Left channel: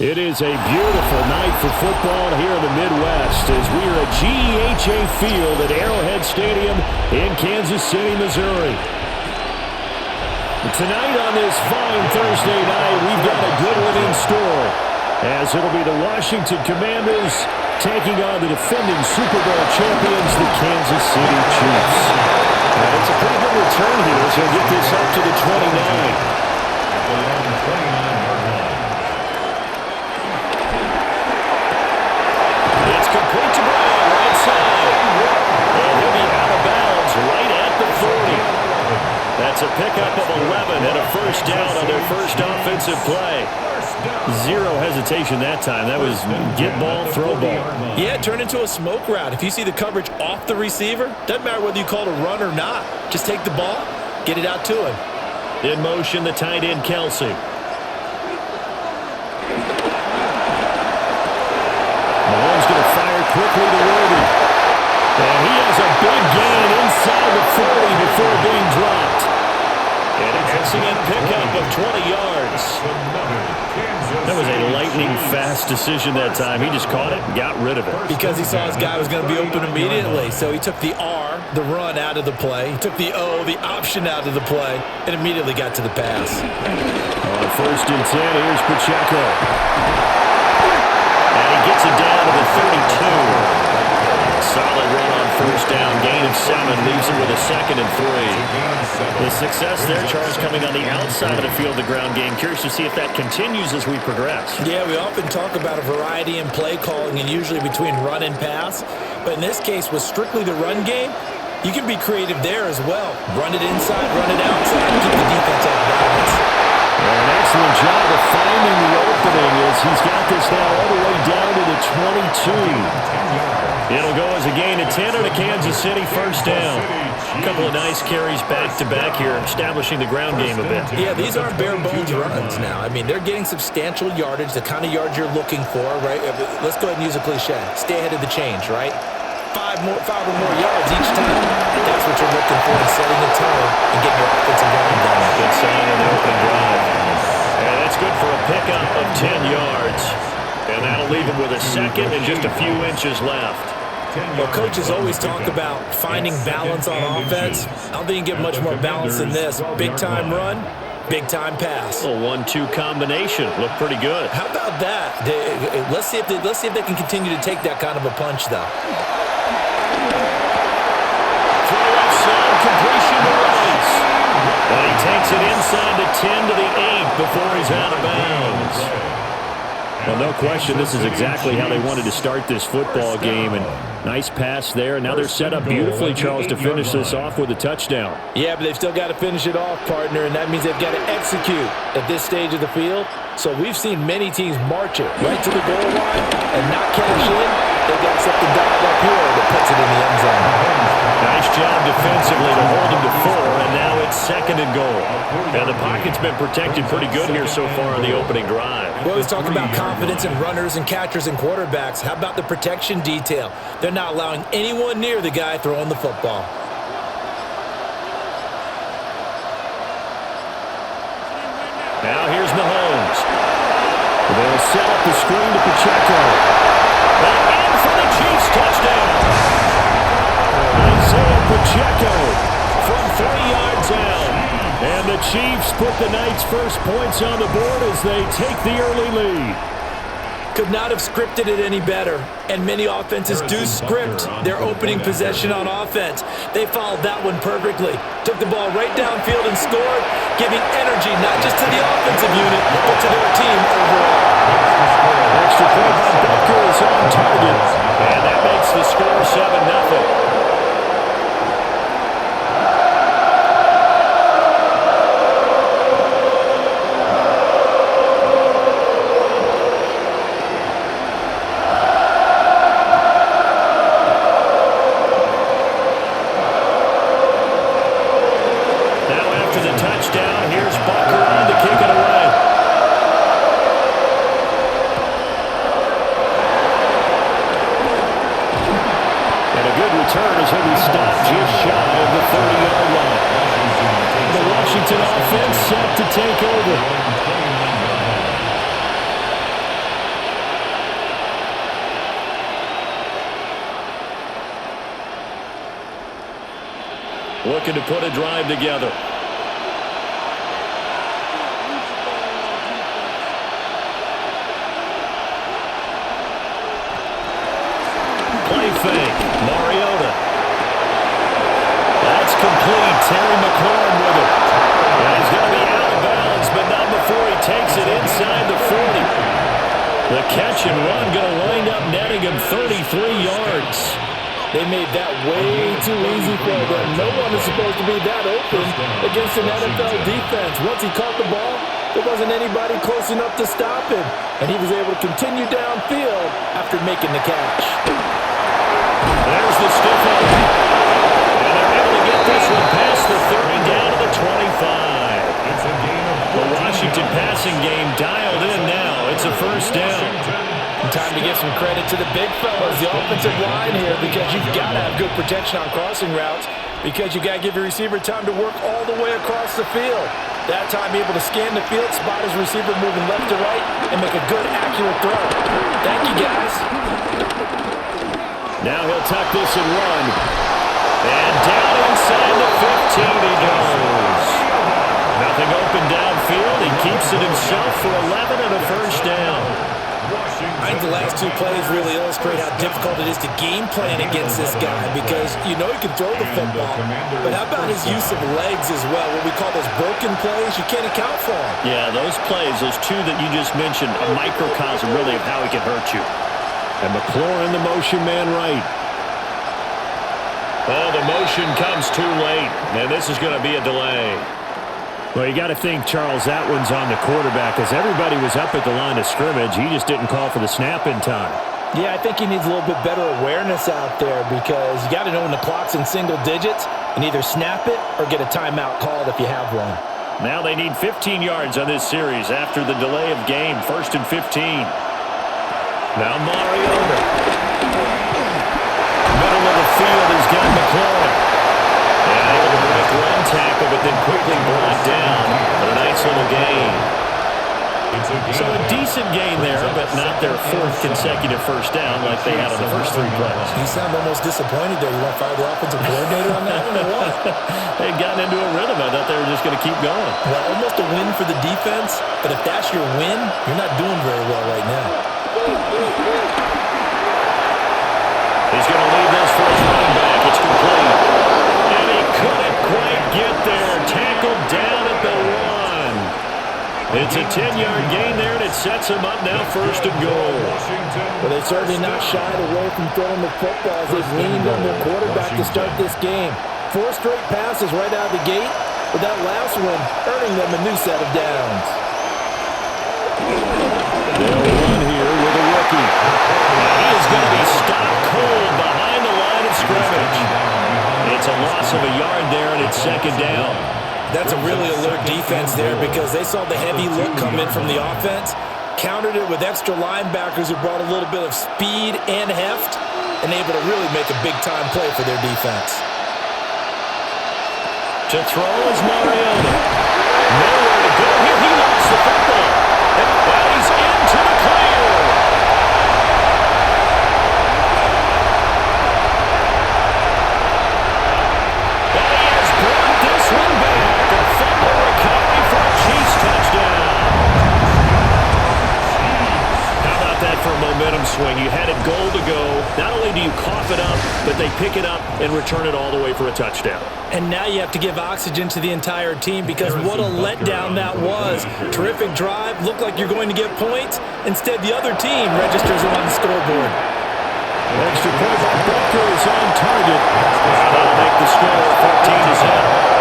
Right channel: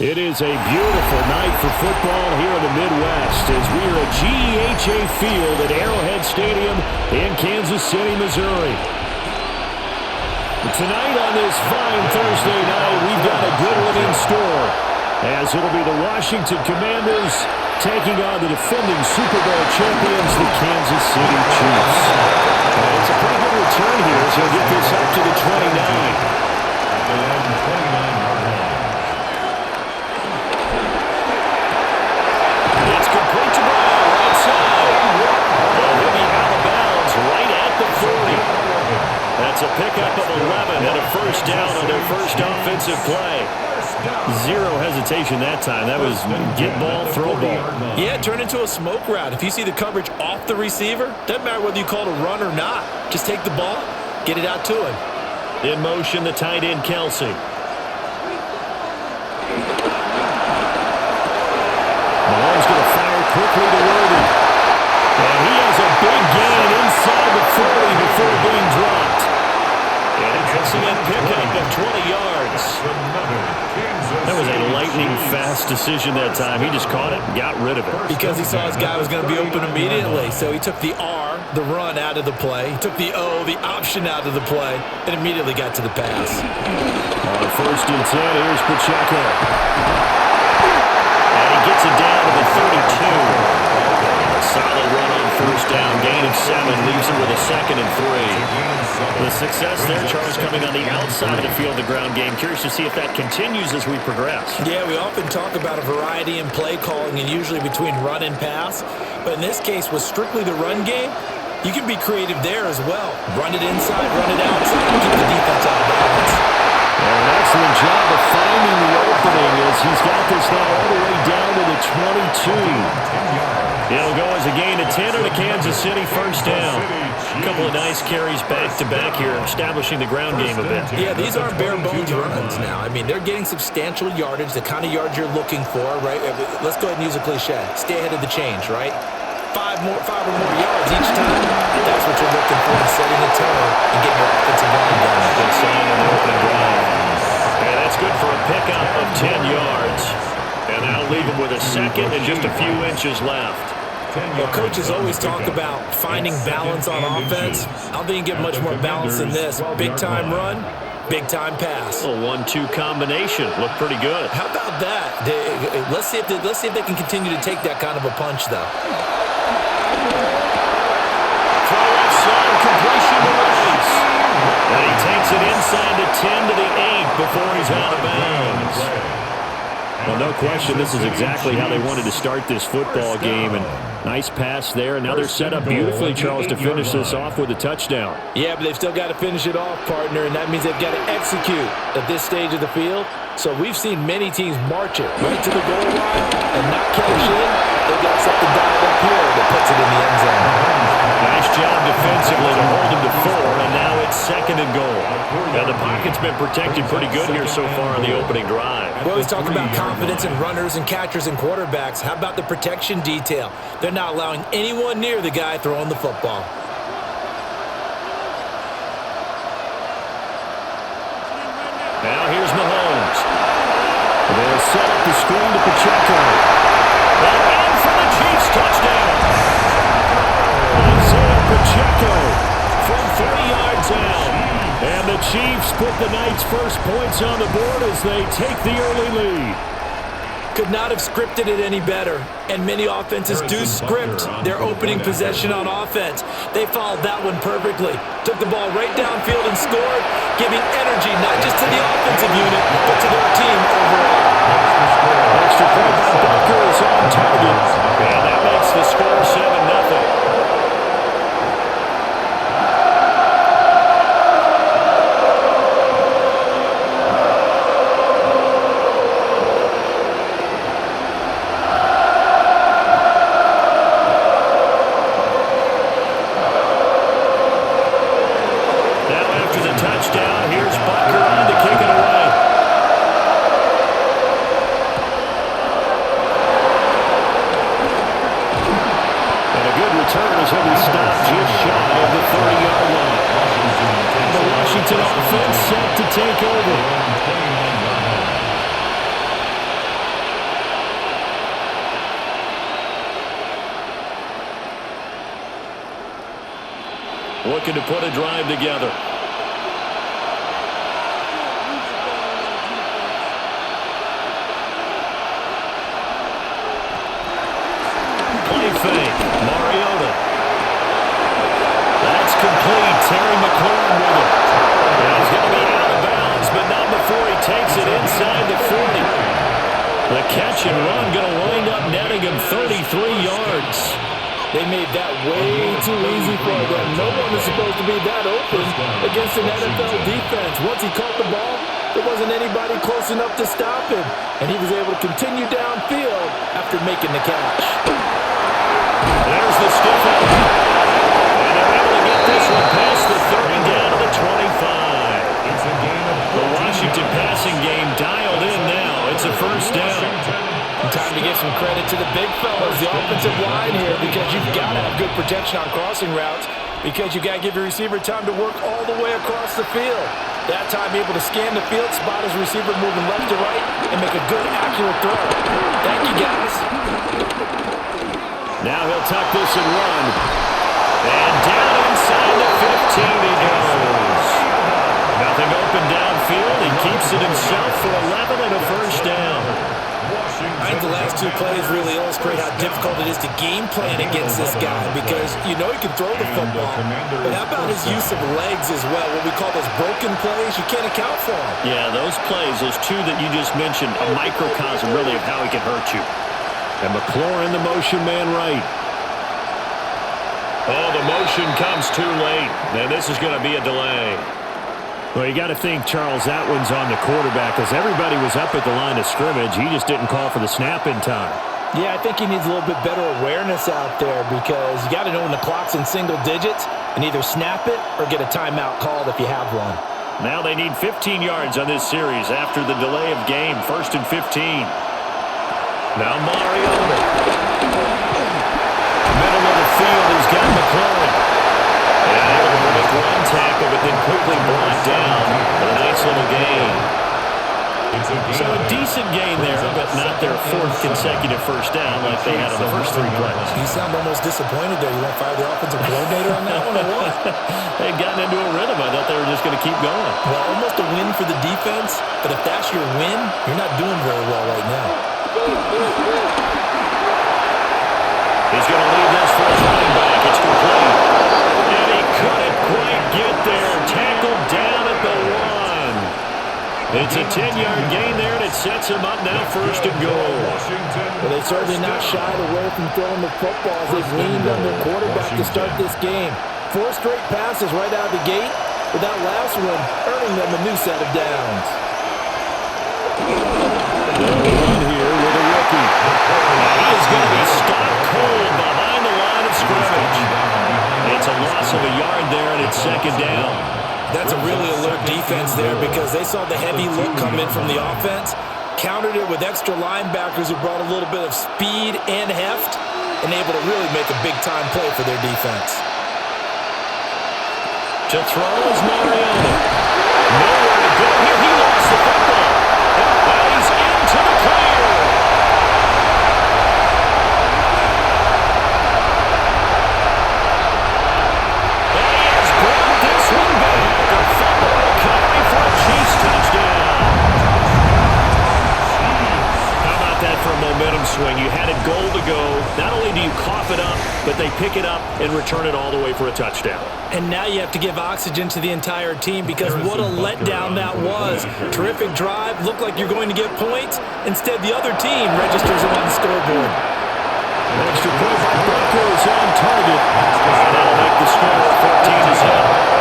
It is a beautiful night for football here in the Midwest as we are at GEHA Field at Arrowhead Stadium in Kansas City, Missouri. Tonight on this fine Thursday night, we've got a good one in store, as it'll be the Washington Commanders taking on the defending Super Bowl champions, the Kansas City Chiefs. And it's a pretty good return here as he'll get this up to the 29. At their own 29-yard line. It's complete to Brown, right side. And he'll be out of bounds right at the 40. That's a pickup of 11 and a first down on their first offensive play. Zero hesitation that time. That was get ball, throw ball. Yeah, it turned into a smoke route. If you see the coverage off the receiver, doesn't matter whether you call it a run or not. Just take the ball, get it out to him. In motion, the tight end, Kelsey. Mahomes going to fire quickly to Worthy. And he has a big gain inside the 40 before being dropped. An excellent pickup of 20 yards. That was a lightning-fast decision that time. He just caught it and got rid of it. Because he saw his guy was going to be open immediately. So he took the R, the run, out of the play. He took the O, the option, out of the play, and immediately got to the pass. On 1st and 10, here's Pacheco. And he gets it down to the 32. A solid run on first down. Gain of 7 leaves him with a 2nd and 3. The success there, Charles, coming on the outside of the field, the ground game. Curious to see if that continues as we progress. Yeah, we often talk about a variety in play calling and usually between run and pass. But in this case, with strictly the run game, you can be creative there as well. Run it inside, run it outside, keep the defense off balance. And an excellent job of finding the opening as he's got this now all the way down to the 22. It'll go as a gain of 10 and a Kansas City first down. A couple of nice carries back-to-back here, establishing the ground game a bit. Yeah, these aren't bare-bones runs now. I mean, they're getting substantial yardage, the kind of yards you're looking for, right? Let's go ahead and use a cliche. Stay ahead of the change, right? 5 or more yards each time, that's what you're looking for in setting a tone and getting your offensive line going. Good sign on the opening drive. And that's good for a pickup of 10 yards. And that'll leave them with a 2nd and just a few inches left. Well, coaches always talk about finding balance on offense. I don't think you get much more balance than this. Big-time run, big-time pass. A 1-2 combination. Looked pretty good. How about that? Let's see if they can continue to take that kind of a punch, though. Throw left side, completion to Rice. And he takes it inside the 10 to the 8 before he's out of bounds. Well, no question, this is exactly how they wanted to start this football game. And nice pass there. And now they're set up beautifully, Charles, to finish this off with a touchdown. Yeah, but they've still got to finish it off, partner, and that means they've got to execute at this stage of the field. So we've seen many teams march it right to the goal line and not cash in. They've got something dialed up here that puts it in the end zone. Nice job defensively to hold them to 4, and now it's 2nd and goal. And the pocket's been protected pretty good here so far on the opening drive. We always talk about confidence in runners and catchers and quarterbacks. How about the protection detail? They're not allowing anyone near the guy throwing the football. Now here's Mahomes. They'll set up the screen to Pacheco. And in for the Chiefs touchdown. Isaiah Pacheco from 3 yards out. And the Chiefs put the night's first points on the board as they take the early lead. Could not have scripted it any better. And many offenses do script their opening possession on offense. They followed that one perfectly. Took the ball right downfield and scored, giving energy not just to the offensive unit, but to their team overall. Extra point by Butker is on target. And that makes the score 7-0. Touchdown. Here's Butker on to kick it away. And a good return as he'll be stopped just shy of the 30-yard line. The Washington offense set to take over. looking to put a drive together. Play fake. Mariota. That's complete. Terry McLaurin with it. And he's going to be out of bounds, but not before he takes it inside the 40. The catch and run going to wind up netting him 33 yards. They made that way too easy for them. No one is supposed to be that open against an NFL defense. Once he caught the ball, there wasn't anybody close enough to stop him. And he was able to continue downfield after making the catch. There's the stiff arm. And they're able to get this one past the 30 down to the 25. It's a gain of The Washington passing game dialed in now. It's a first down. Time to give some credit to the big fellas, the offensive line here, because you've got to have good protection on crossing routes, because you've got to give your receiver time to work all the way across the field. That time able to scan the field, spot his receiver moving left to right, and make a good, accurate throw. Thank you, guys. Now he'll tuck this and run. And down inside the 15 he goes. Nothing open downfield. He keeps it himself for 11 and a first down. I think the last two plays really illustrate how difficult it is to game plan against this guy, because you know he can throw the football, but how about his use of legs as well? What we call those broken plays, you can't account for them. Yeah, those plays, those two that you just mentioned, a microcosm really of how he can hurt you. And McLaurin, the motion man right. Oh, the motion comes too late, and this is going to be a delay. Well, you got to think, Charles, that one's on the quarterback, because everybody was up at the line of scrimmage. He just didn't call for the snap in time. Yeah, I think he needs a little bit better awareness out there, because you got to know when the clock's in single digits and either snap it or get a timeout called if you have one. Now they need 15 yards on this series after the delay of game. 1st and 15. Now Mariota. Middle of the field, he's got McLaurin. And able to break one tackle, but then quickly brought down. But a nice little gain. So a decent gain there, but not their 4th consecutive first down like they had on the first 3 plays. You sound almost disappointed there. You want to fire the offensive coordinator on that one or what? They'd gotten into a rhythm. I thought they were just going to keep going. Well, almost a win for the defense, but if that's your win, you're not doing very well right now. He's going to leave this for his running back. It's complete. And he couldn't quite get there. Tackled down at the 1. It's a 10-yard gain there, and it sets him up now 1st and goal. But they've certainly not shied away from throwing the footballs. They've leaned on their quarterback to start this game. 4 straight passes right out of the gate, with that last one earning them a new set of downs. They'll run here with a rookie. And he is going to be stopped cold behind the line of scrimmage. It's a loss of a yard there, and it's 2nd down. That's a really alert defense there, because they saw the heavy look come in from the offense, countered it with extra linebackers who brought a little bit of speed and heft, and able to really make a big-time play for their defense. To throw is Mariota. Nowhere to go here. He lost the football. And he's into the clear. And he has brought this one back. A fumble recovery for a Chiefs touchdown. How about that for a momentum swing? You had it goal to go. Not only do you cough it up, but they pick it up and return it all the way for a touchdown. And now you have to give oxygen to the entire team, because what a letdown that was. Terrific drive. Looked like you're going to get points. Instead, the other team registers it on the scoreboard. Extra point by Butker is on target. And that'll make the score 14-0.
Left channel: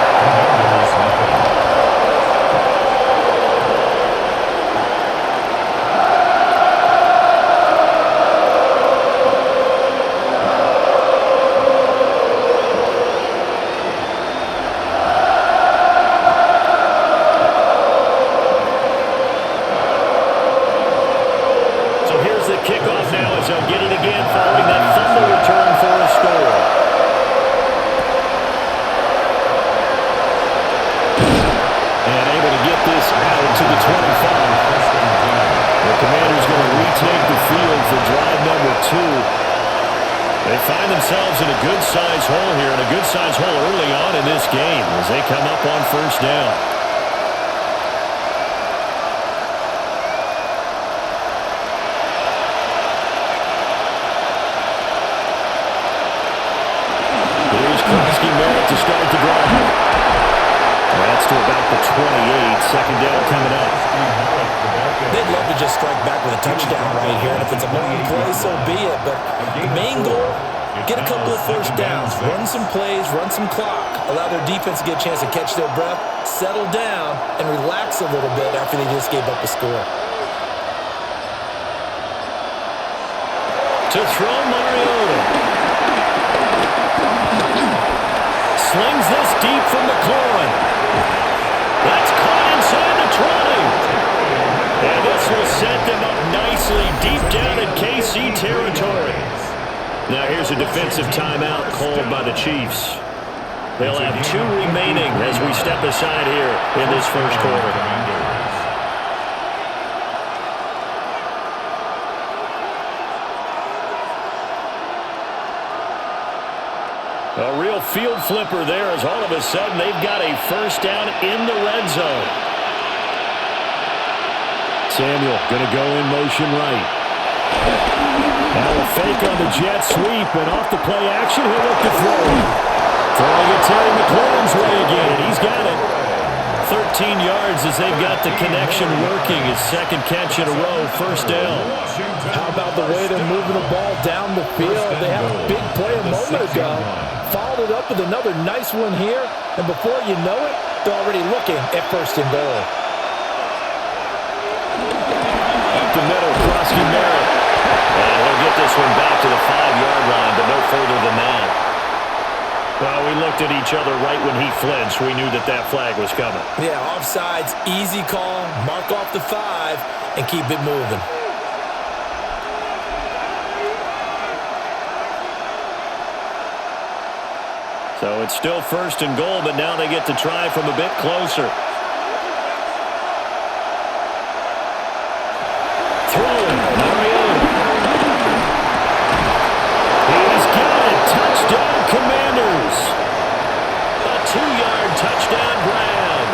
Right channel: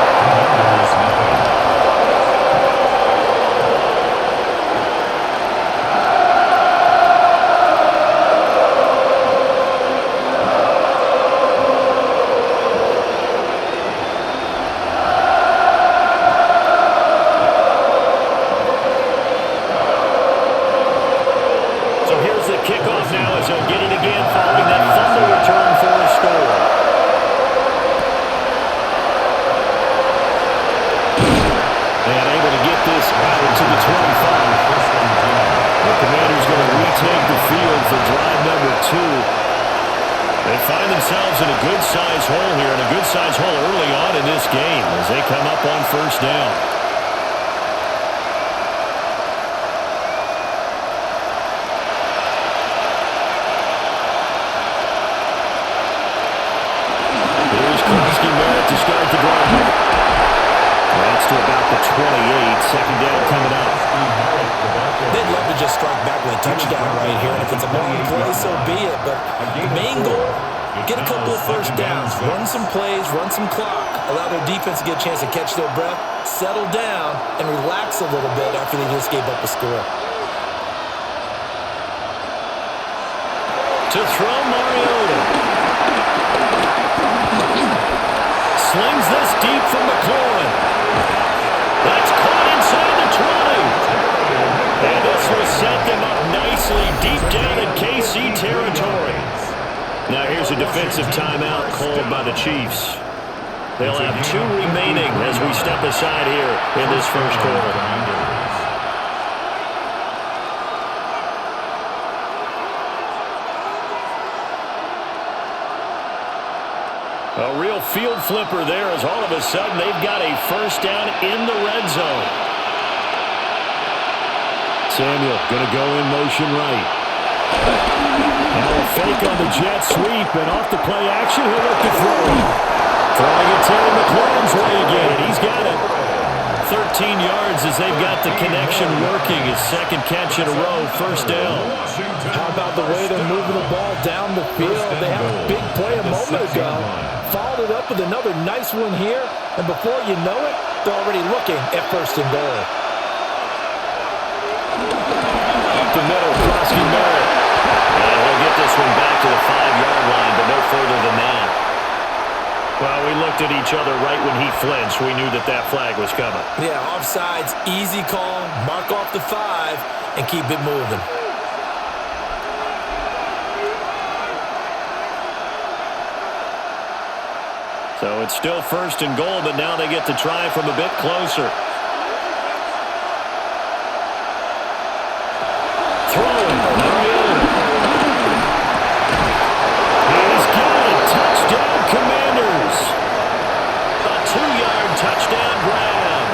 The kickoff now, as they'll get it again following that fumble return for a score. And able to get this out to the 25. The Commanders going to retake the field for drive number 2. They find themselves in a good-sized hole here, and a good-sized hole early on in this game as they come up on first down. Here's Krosky-Merritt to start the drive. That's to about the 28. Second down coming up. They'd love to just strike back with a touchdown right here, and if it's a long play, so be it. But the main goal, get a couple of first downs, run some plays, run some clock, allow their defense to get a chance to catch their breath, settle down, and relax a little bit after they just gave up a score. To throw, Mariota. Slings this deep from McLaurin. That's caught inside the 20. And this will set them up nicely deep down in KC territory. Now here's a defensive timeout called by the Chiefs. They'll have 2 remaining as we step aside here in this first quarter. A real field flipper there as all of a sudden they've got a first down in the red zone. Samuel going to go in motion right. Now a fake on the jet sweep, and off the play action, he'll look to throw it. Throwing it Terry McLaurin's way again, and he's got it. 13 yards as they've got the connection working. His second catch in a row, first down. How about the way they're moving the ball down the field? They had a big play a moment ago, followed it up with another nice one here, and before you know it, they're already looking at first and goal. Up the middle, Krosky-Merritt. And he'll get this one back to the 5-yard line, but no further than that. Well, we looked at each other right when he flinched. We knew that that flag was coming. Yeah, offsides, easy call, mark off the 5, and keep it moving. So it's still first and goal, but now they get to try from a bit closer. Throwing, Mariota. He's got it. Touchdown, Commanders. A 2-yard touchdown grab.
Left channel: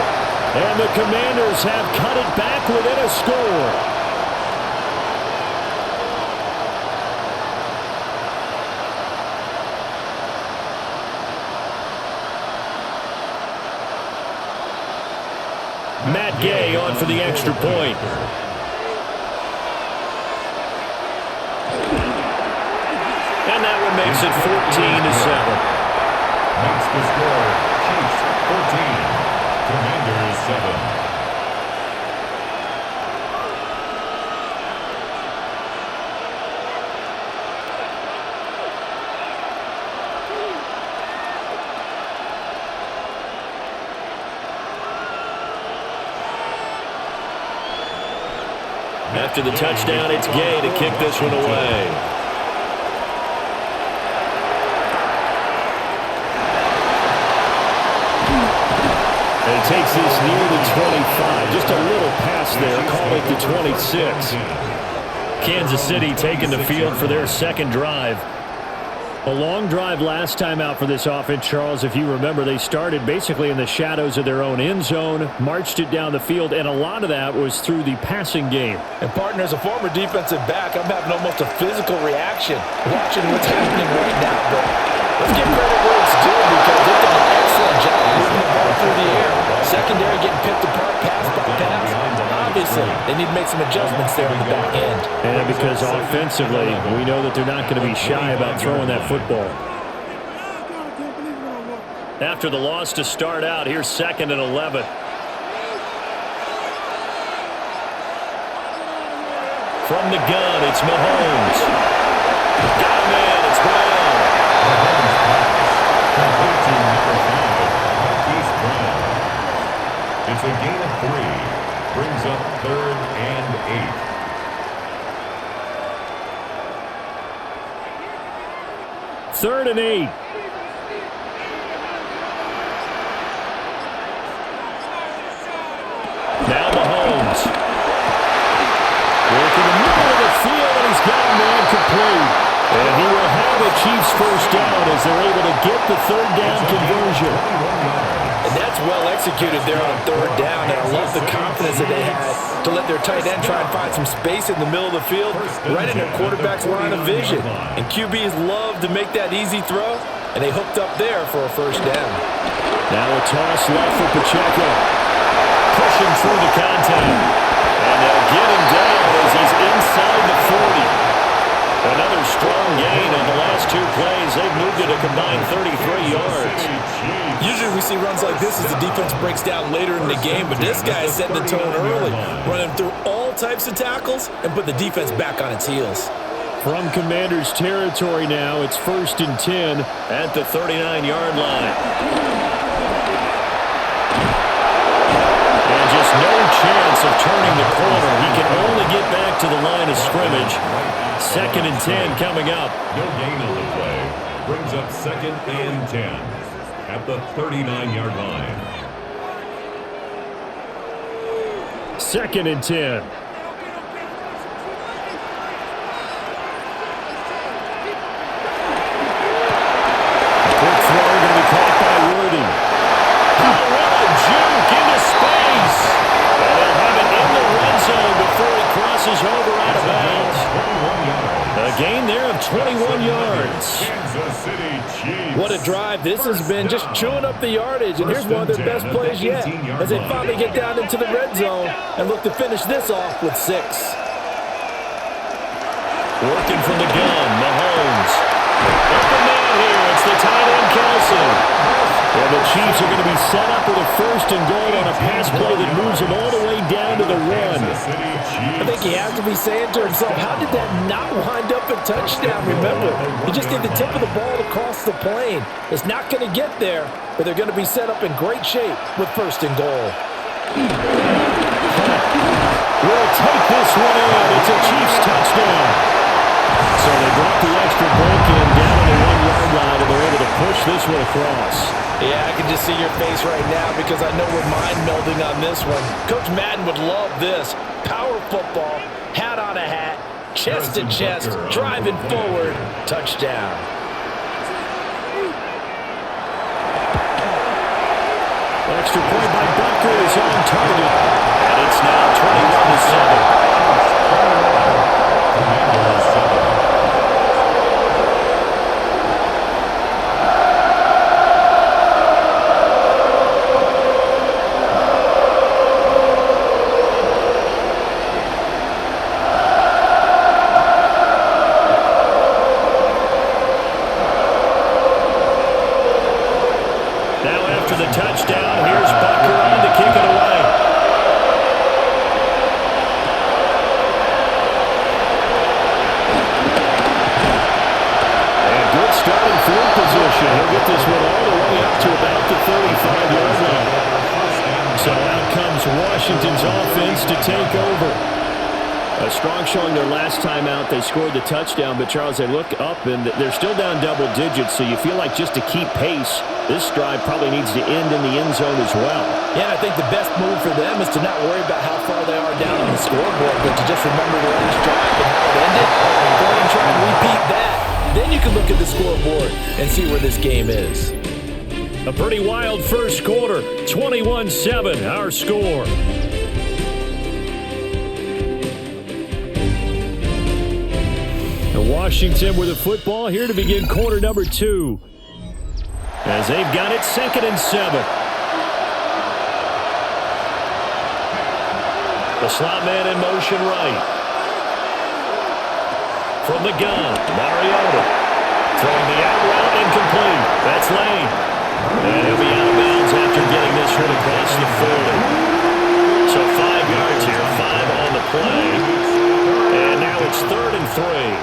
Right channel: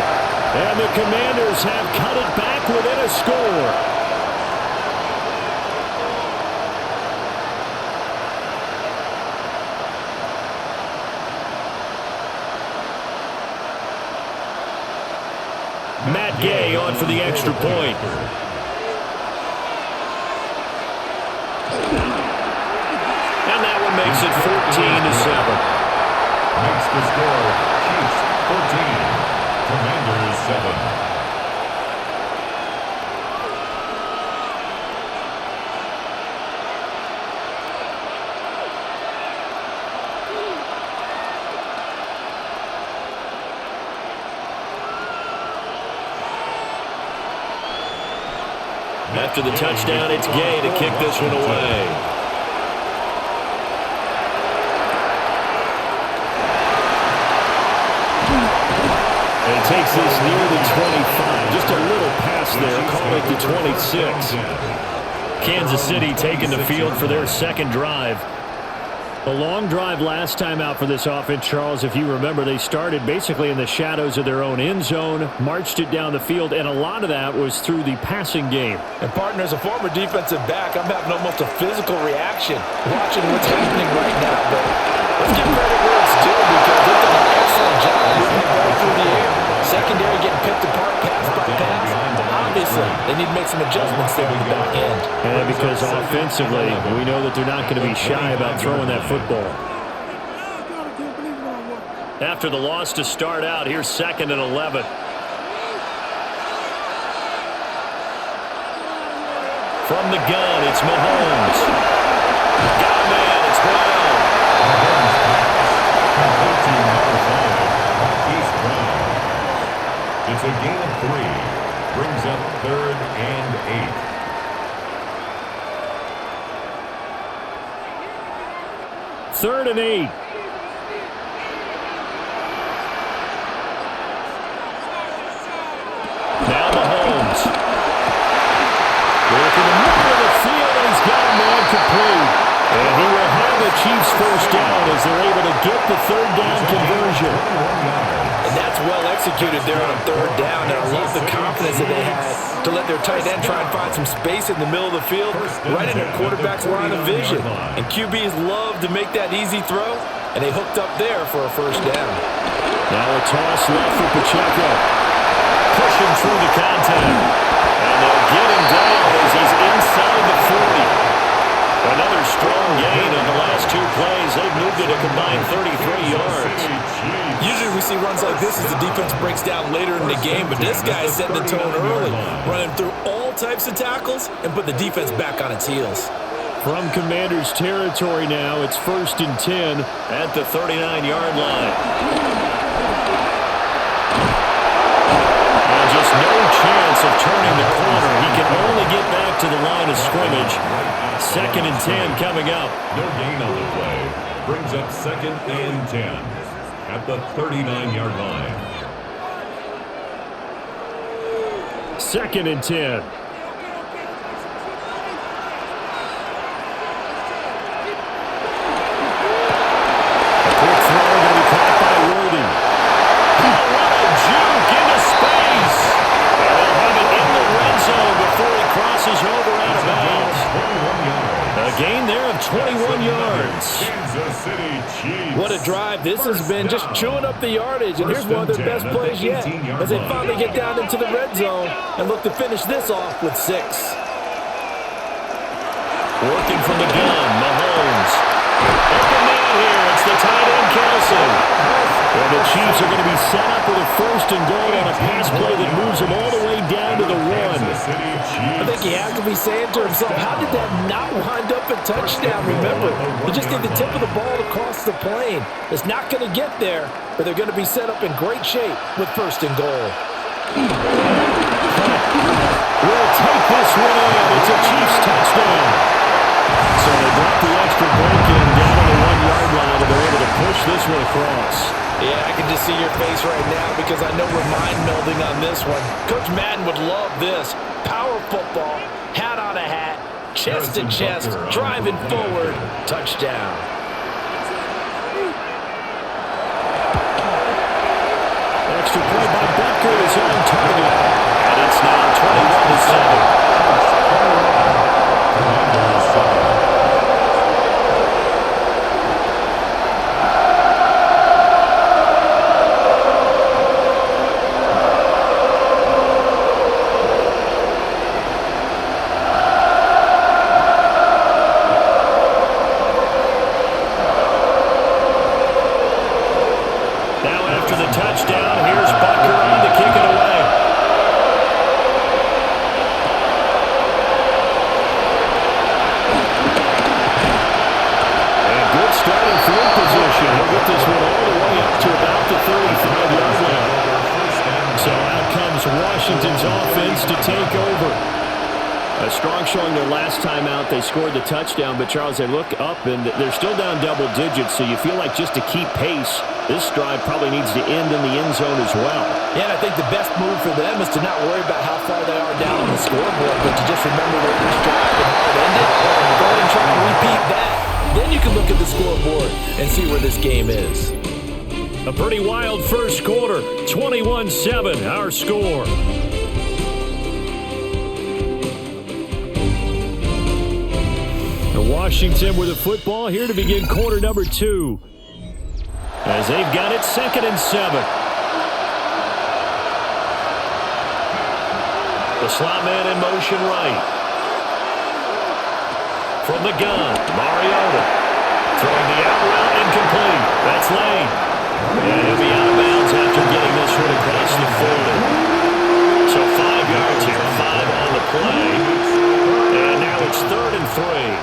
And the Commanders have cut it back within a score. Matt Gay on for the extra point. And that one makes it 14-7. Makes the score Chiefs 14, Commanders 7. After the touchdown, it's Gay to kick this one away. And he takes this near the 25. Just a little pass there. Call it the 26. Kansas City taking the field for their second drive. A long drive last time out for this offense, Charles. If you remember, they started basically in the shadows of their own end zone, marched it down the field, and a lot of that was through the passing game. And, partner, as a former defensive back, I'm having almost a physical reaction watching what's happening right now. But let's give credit where it's due because they've done an excellent job moving the ball through the air. Secondary getting picked apart pass by pass. Obviously, they need to make some adjustments there on the back end. And because offensively, we know that they're not going to be shy about throwing that football. After the loss to start out, here's 2nd and 11. From the gun, it's Mahomes. Got a man, it's Brown. Mahomes pass complete to number 5, Marquise Brown. It's a gain of 3. Brings up 3rd and 8. Third and 8. Now Mahomes. Work in the middle of the field, and he's got a man complete. And he will have a Chiefs first down as they're able to get the third down conversion. And that's well executed there on third down. And I love the confidence that they had to let their tight end try and find some space in the middle of the field, right in their quarterback's line of vision. And QBs love to make that easy throw, and they hooked up there for a first down. Now a toss left for Pacheco. Pushing through the contact. And they'll get him down as he's inside the 40. Another strong gain on the last two plays. They've moved it a combined 33 yards. Usually we see runs like this as the defense breaks down later in the game, but this guy is setting the tone early, running through all types of tackles and put the defense back on its heels. From Commanders territory now, it's 1st and 10 at the 39-yard line. And just no chance of turning the corner. He can only get back to the line of scrimmage. 2nd and 10 coming up. No gain on the play. Brings up 2nd and 10 at the 39-yard line. 2nd and 10. A quick throw going to be caught by Worthy. Oh, what a juke into space. And they'll have it in the red zone before he crosses over out of bounds. 21 yards. A gain there of 21 yards. Kansas City Chiefs. What a drive this has been, just chewing up the yardage. And here's one of their best plays yet as they finally get down into the red zone and look to finish this off with 6. Working from the gun, Mahomes. Open man here. It's the tight end, Kelce. And the Chiefs are going to be set up with a 1st and goal on a pass play that moves them all the way down to the 1. I think he has to be saying to himself, how did that not wind up a touchdown? Remember, you just need the tip of the ball to cross the plane. It's not going to get there, but they're going to be set up in great shape with 1st and goal. Hunt will take this one in. It's a Chiefs touchdown. So they brought the extra bulk in down on the 1-yard line, and they're able to push this one across. Yeah, I can just see your face right now because I know we're mind melding on this one. Coach Madden would love this. Power football, hat on a hat, chest to chest, driving forward, touchdown. Extra point by Butker is on target, and it's now 21-7. Commanders 7. Now after the touchdown, here's Butker on to kick it away. Good starting field position. He'll get this one all the way up to about the 35-yard line. So out comes Washington's offense to take over. A strong showing their last time out. They scored the touchdown, but Charles, they look up and they're still down double digits, so you feel like just to keep pace, this drive probably needs to end in the end zone as well. Yeah, and I think the best move for them is to not worry about how far they are down on the scoreboard, but to just remember the last drive and how it ended. Go ahead and try and repeat that. Then you can look at the scoreboard and see where this game is. A pretty wild first quarter. 21-7, our score. And Washington with the football here to begin quarter number 2. As they've got it 2nd and 7. The slot man in motion right. From the gun, Mariota throwing the out route incomplete. That's Lane. And he'll be out of bounds after getting this one across the 40. So 5 yards here, 5 on the play. And now it's 3rd and 3.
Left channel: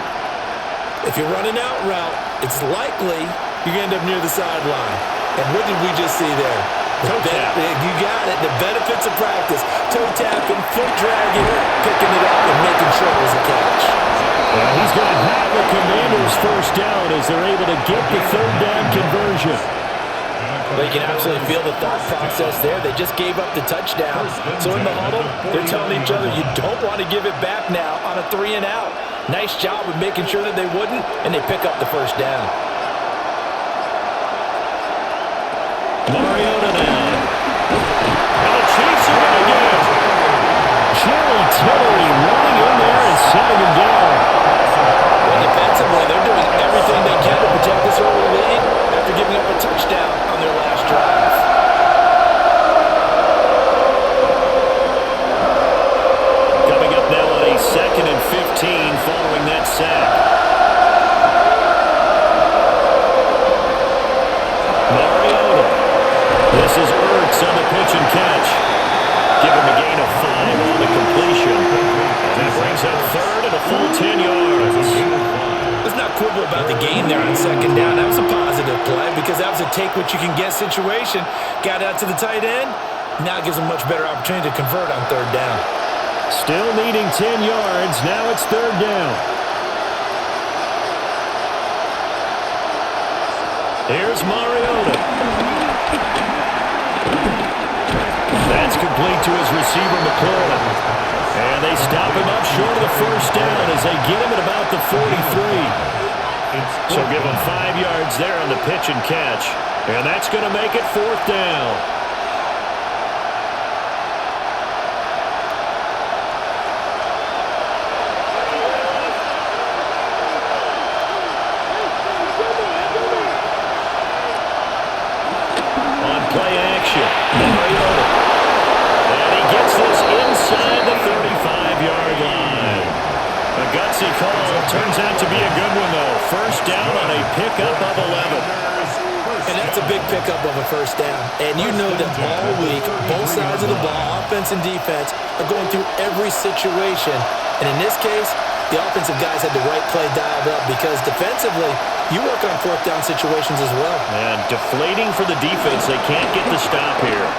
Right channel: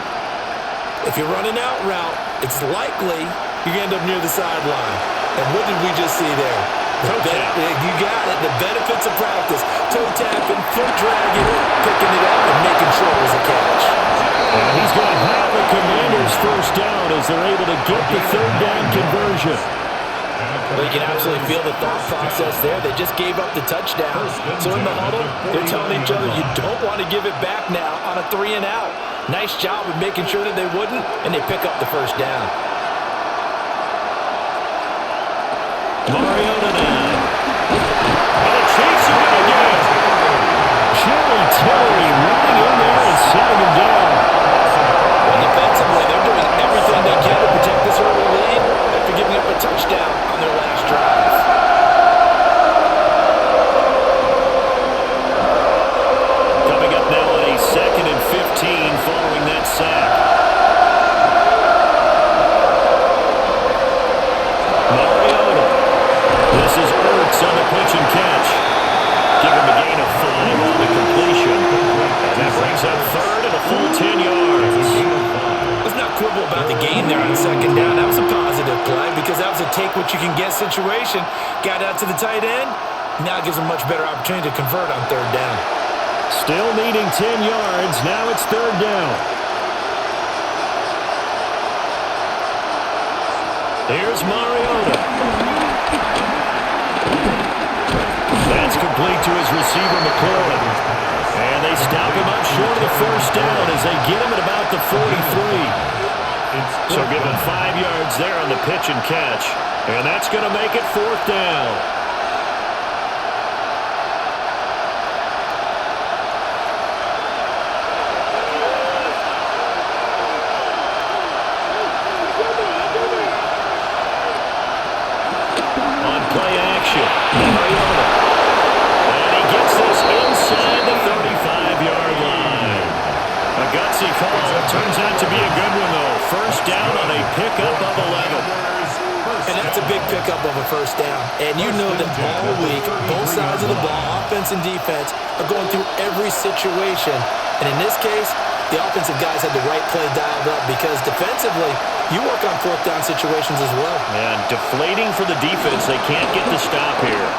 If you run an out route, it's likely you end up near the sideline. And what did we just see there? Toe tap. You got it. The benefits of practice. Toe tapping, foot dragging, picking it up, and making sure it was a catch. And he's going to have a Commanders first down as they're able to get the 3rd down conversion. Well, you can absolutely feel the thought process there. They just gave up the touchdown. So in the huddle, they're telling each other, you don't want to give it back now on a 3-and-out. Nice job of making sure that they wouldn't, and they pick up the first down. Mariota now. And the Chiefs are going to get it. Jerry Tillery running in there and setting him down. Well, defensively, they're doing everything they can to protect this early lead after giving up a touchdown on their last drive. Coming up now on a 2nd and 15 following that sack. Mariota. This is Ertz on the pitch and catch. Give him a gain of 5 on the completion. And that brings up 3rd and a full 10 yards. Let's not quibble about the gain there on 2nd down. That was a positive play because that was a take-what-you-can-get situation. Got out to the tight end. Now it gives them much better opportunity to convert on 3rd down. Still needing 10 yards. Now it's 3rd down. Here's Mariota. That's complete to his receiver, McLaurin. And they stop him up short of the first down as they get him at about the 43. So give him 5 yards there on the pitch and catch. And that's going to make it 4th down. On play action, Mariota. And he gets this inside the 35-yard line. A gutsy call. Turns out to be a good one, though. First down on a pickup of 11. And that's a big pickup of a first down. And you know that all week, both sides of the ball, offense and defense, are going through every situation. And in this case, the offensive guys had the right play dialed up because defensively, you work on 4th down situations as well. And deflating for the defense. They can't get the stop here.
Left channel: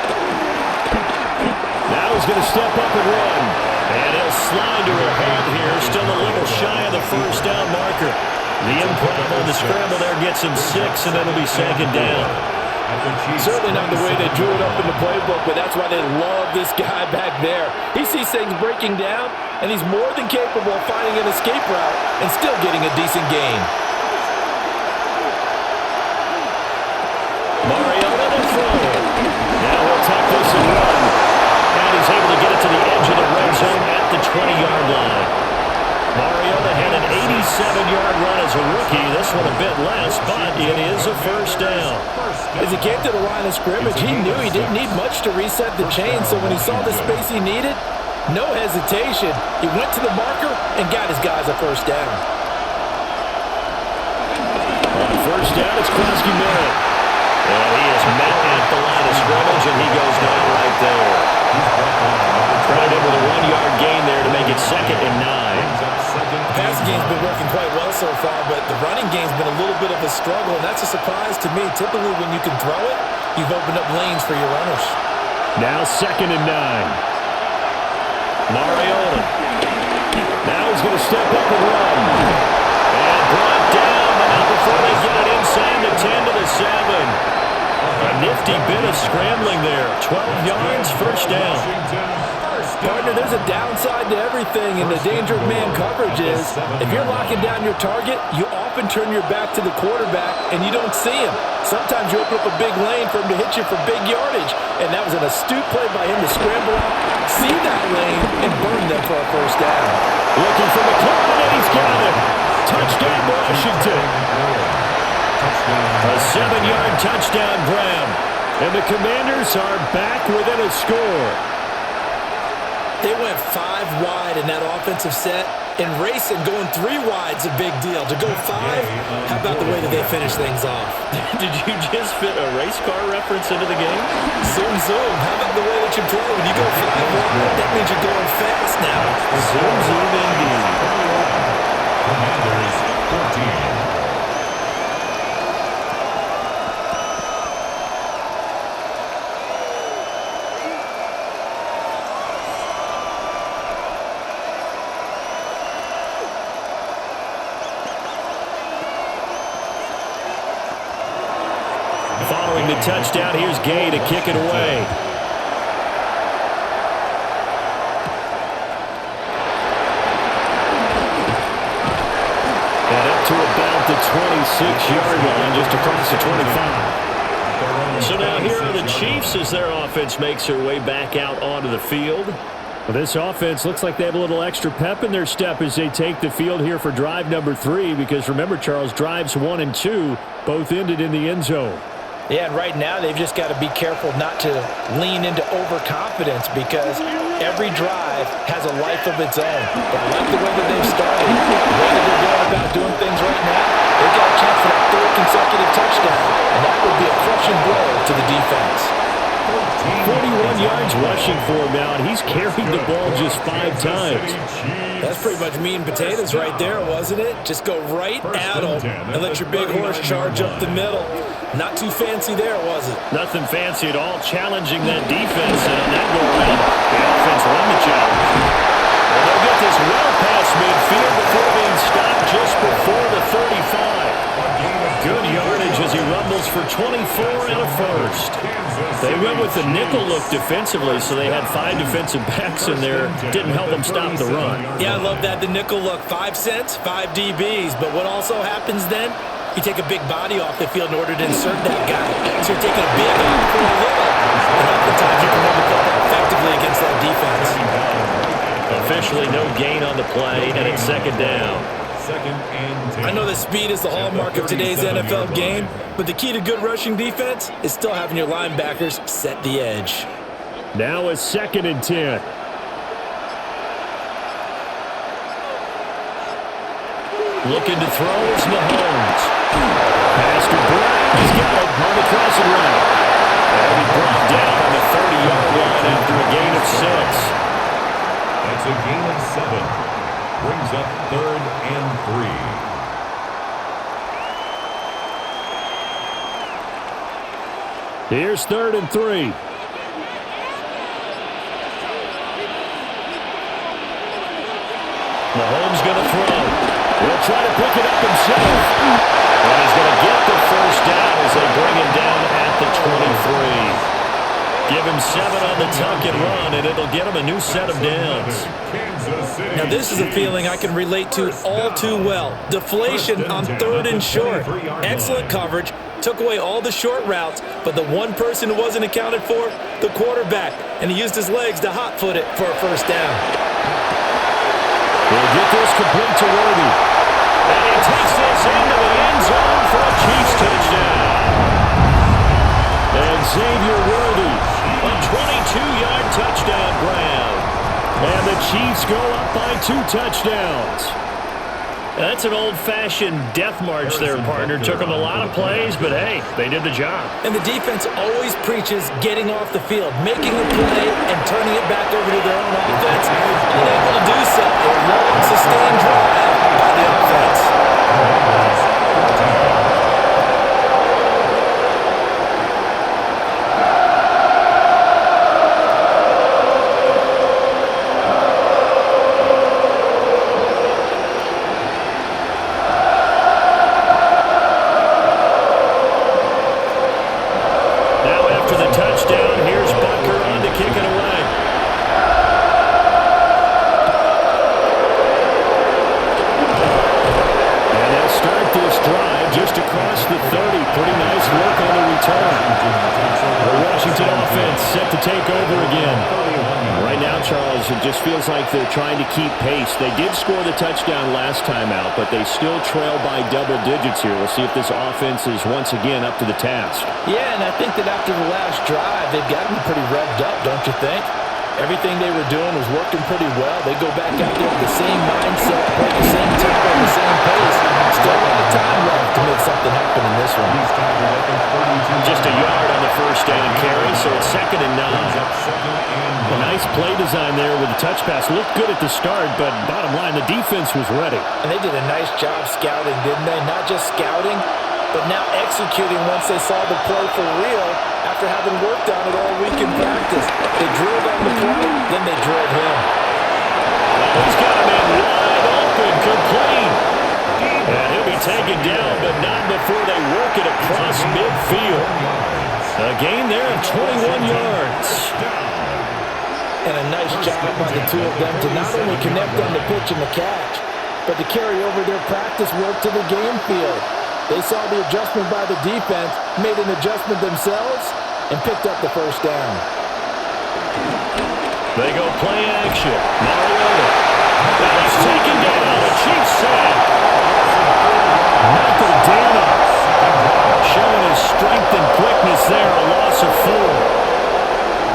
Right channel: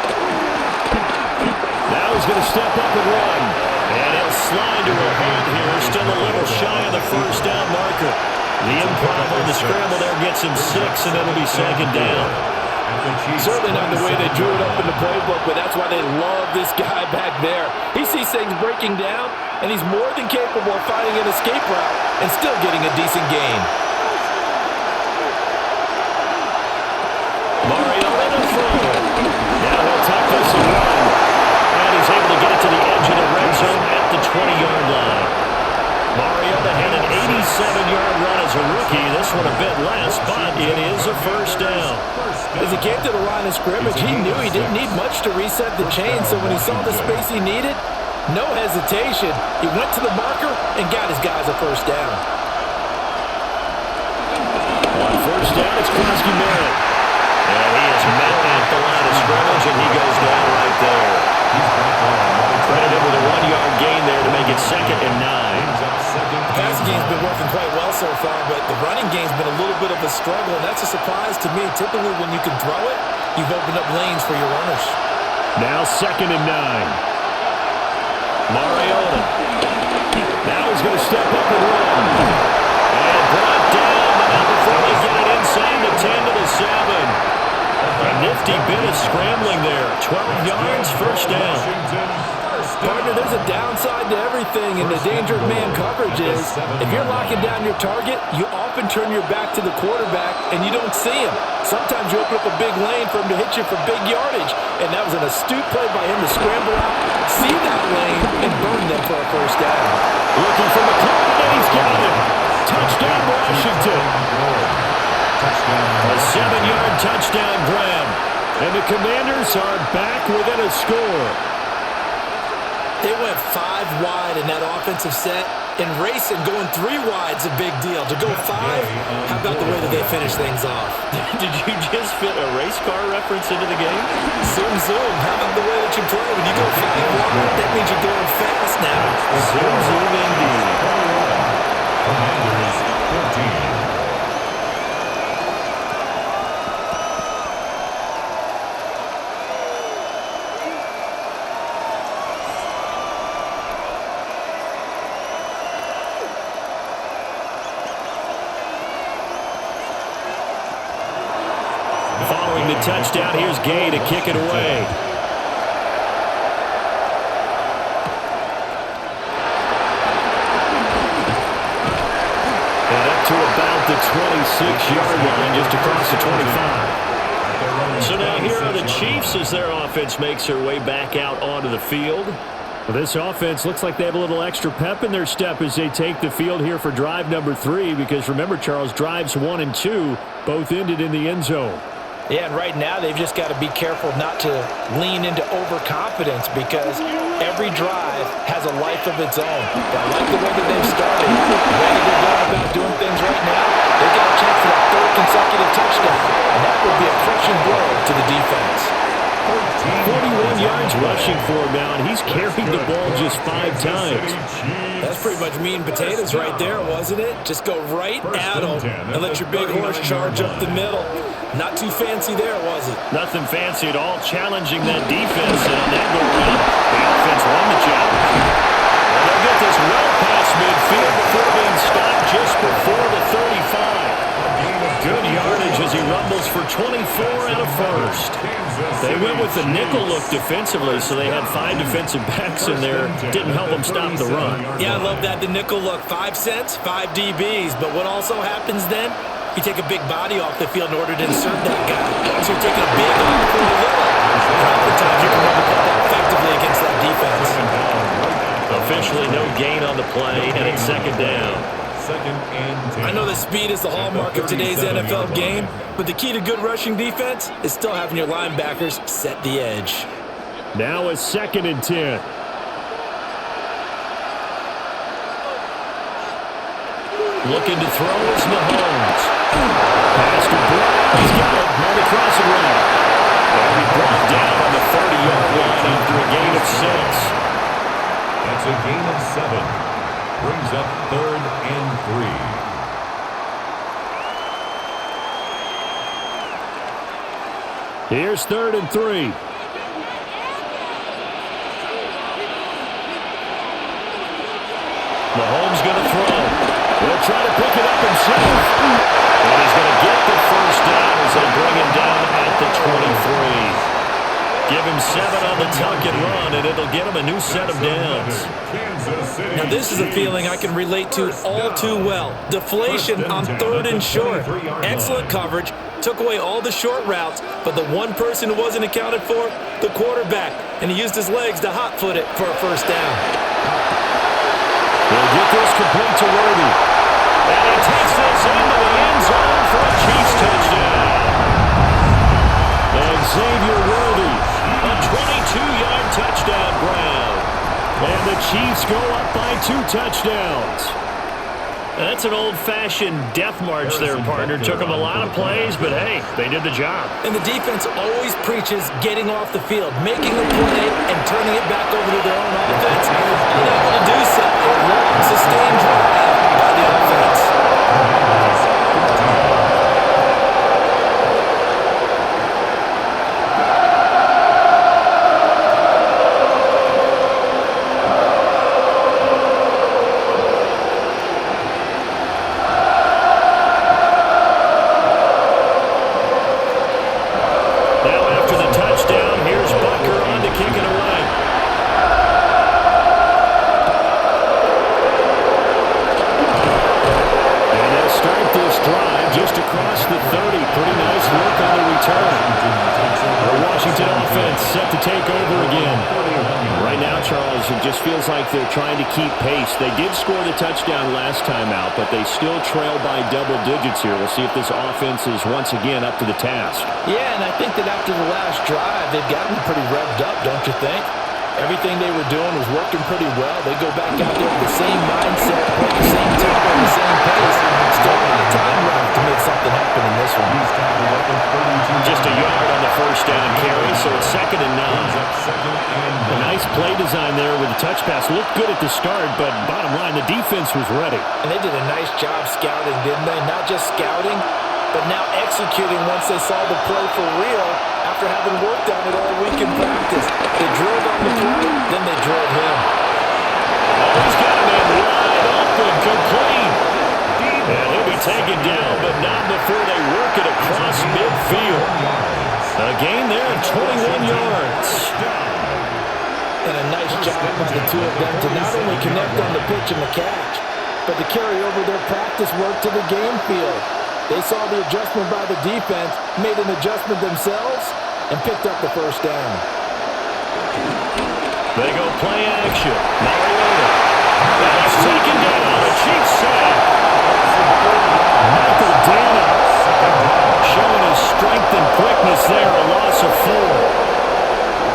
Now he's going to step up and run. And he'll slide to a halt here. Still a little shy of the first down marker. The improv on the scramble there gets him 6, and it'll be 2nd down. Certainly not the way they drew it up in the playbook, but that's why they love this guy back there. He sees things breaking down, and he's more than capable of finding an escape route and still getting a decent gain. Mariota to throw it. Now he'll tuck this and run. And he's able to get it to the edge of the red zone at the 20-yard line. Mariota had an 87-yard run as a rookie. This one a bit less, but it is a first down. As he came to the line of scrimmage, he knew he didn't need much to reset the chain, so when he saw the space he needed, no hesitation. He went to the marker and got his guys a first down. On first down, it's Klaski Merritt. And he is met at the line of scrimmage, and he goes down right there. Credited with a 1-yard gain there to make it 2nd and 9. The passing game's been working quite well so far, but the running game's been a little bit of a struggle, and that's a surprise to me. Typically, when you can throw it, you've opened up lanes for your runners. Now 2nd and 9. Mariota. Now he's going to step up and run. And brought down, but not before they get it inside the 10 to the 7. A nifty bit of scrambling there. 12 yards, first down. Partner, there's a downside to everything, and the danger of man coverage is if you're locking down your target, you often turn your back to the quarterback, and you don't see him. Sometimes you open up a big lane for him to hit you for big yardage, and that was an astute play by him to scramble out, see that lane, and burn them for a first down. Looking for McLaurin, and he's got him. Touchdown, Washington. A 7-yard touchdown grab. And the Commanders are back within a score. They went 5 wide in that offensive set. And racing, going 3 wide's a big deal. To go 5, how about the way that they finish things off? Did you just fit a race car reference into the game? Zoom, zoom. How about the way that you play? When you go 5 wide, that means you're going fast now. Zoom, zoom indeed. Commanders 14. following the touchdown. Here's Gay to kick it away. And up to about the 26-yard line, just across the 25. So now here are the Chiefs as their offense makes their way back out onto the field. Well, this offense looks like they have a little extra pep in their step as they take the field here for drive number 3, because remember, Charles, drives 1 and 2 both ended in the end zone. Yeah, and right now they've just got to be careful not to lean into overconfidence, because every drive has a life of its own. But I like the way that they've started, the way that they're going about doing things right now. They've got a chance for that 3rd consecutive touchdown, and that would be a crushing blow to the defense. 41 yards rushing for him now, and he's carried the ball just 5 times. That's pretty much meat and potatoes right there, wasn't it? Just go right at them and let your big horse charge up the middle. Not too fancy there, was it? Nothing fancy at all, challenging that defense, and on that go-around, the offense won the challenge. And they'll get this well past midfield before being stopped just before the 35. Good yardage as he rumbles for 24 and a first. They went with the nickel look defensively, so they had 5 defensive backs in there. Didn't help them stop the run. Yeah, I love that, the nickel look. 5 cents, 5 DBs. But what also happens then? You take a big body off the field in order to insert that guy. So you're taking a big off for a little. And oftentimes you can run the football effectively against that defense. Officially no gain on the play, and it's 2nd down. I know that speed is the hallmark of today's NFL game, but the key to good rushing defense is still having your linebackers set the edge. Now a 2nd and 10. Looking to throw is Mahomes. Pass to Brown. He's got it on the crossing route. That'll be brought down on the 30-yard line after a gain of 6. That's a gain of 7. Brings up 3rd and 3. Here's 3rd and 3. Mahomes going to throw. He'll try to pick it up himself. And he's going to get the first down as they bring him down at the 23. Give him 7 on the tuck and run, and it'll get him a new set of downs. Now, this is a feeling I can relate to all too well. Deflation on 3rd and short. Excellent coverage. Took away all the short routes, but the one person who wasn't accounted for, the quarterback, and he used his legs to hot-foot it for a first down. He'll get this complete to Worthy. And he takes this into the end zone for a Chiefs touchdown. And Xavier Worthy, a 22-yard touchdown grab. And the Chiefs go up by 2 touchdowns. That's an old-fashioned death march there, partner. Took them a lot of plays, but hey, they did the job. And the defense always preaches getting off the field, making a play, and turning it back over to their own offense. Unable to do so. A long, sustained drive by the offense. Touchdown. Here's Butker on to kick it away. And they'll start this drive just across the 30. Pretty nice work on the return. The Washington offense set to take over again. Right now, Charles, it just feels like they're trying to keep pace. They did score the touchdown last time out, but they still trail by double digits here. We'll see if this offense is once again up to the task. Yeah, and I think that after the last drive, they've got to be pretty revved up, don't you think? Everything they were doing was working pretty well. They go back out there with the same mindset, play the same tempo, the same pace. Still a lot of time left to make something happen in this one. Just a yard on the first down carry, so it's 2nd and 9. A nice play design there with the touch pass. Looked good at the start, but bottom line, the defense was ready. And they did a nice job scouting, didn't they? Not just scouting, but now executing once they saw the play for real after having worked on it all week in practice. They drilled on the play, then they drilled him. Oh, he's got him in wide open, complete. And he'll be taken down, but not before they work it across midfield. A gain there of 21 yards. And a nice job by the two of them to not only connect on the pitch and the catch, but to carry over their practice work to the game field. They saw the adjustment by the defense, made an adjustment themselves, and picked up the first down. They go play action. Mariota. And he's taken down. A Chiefs sack. Michael Dana showing his strength and quickness there. A loss of 4.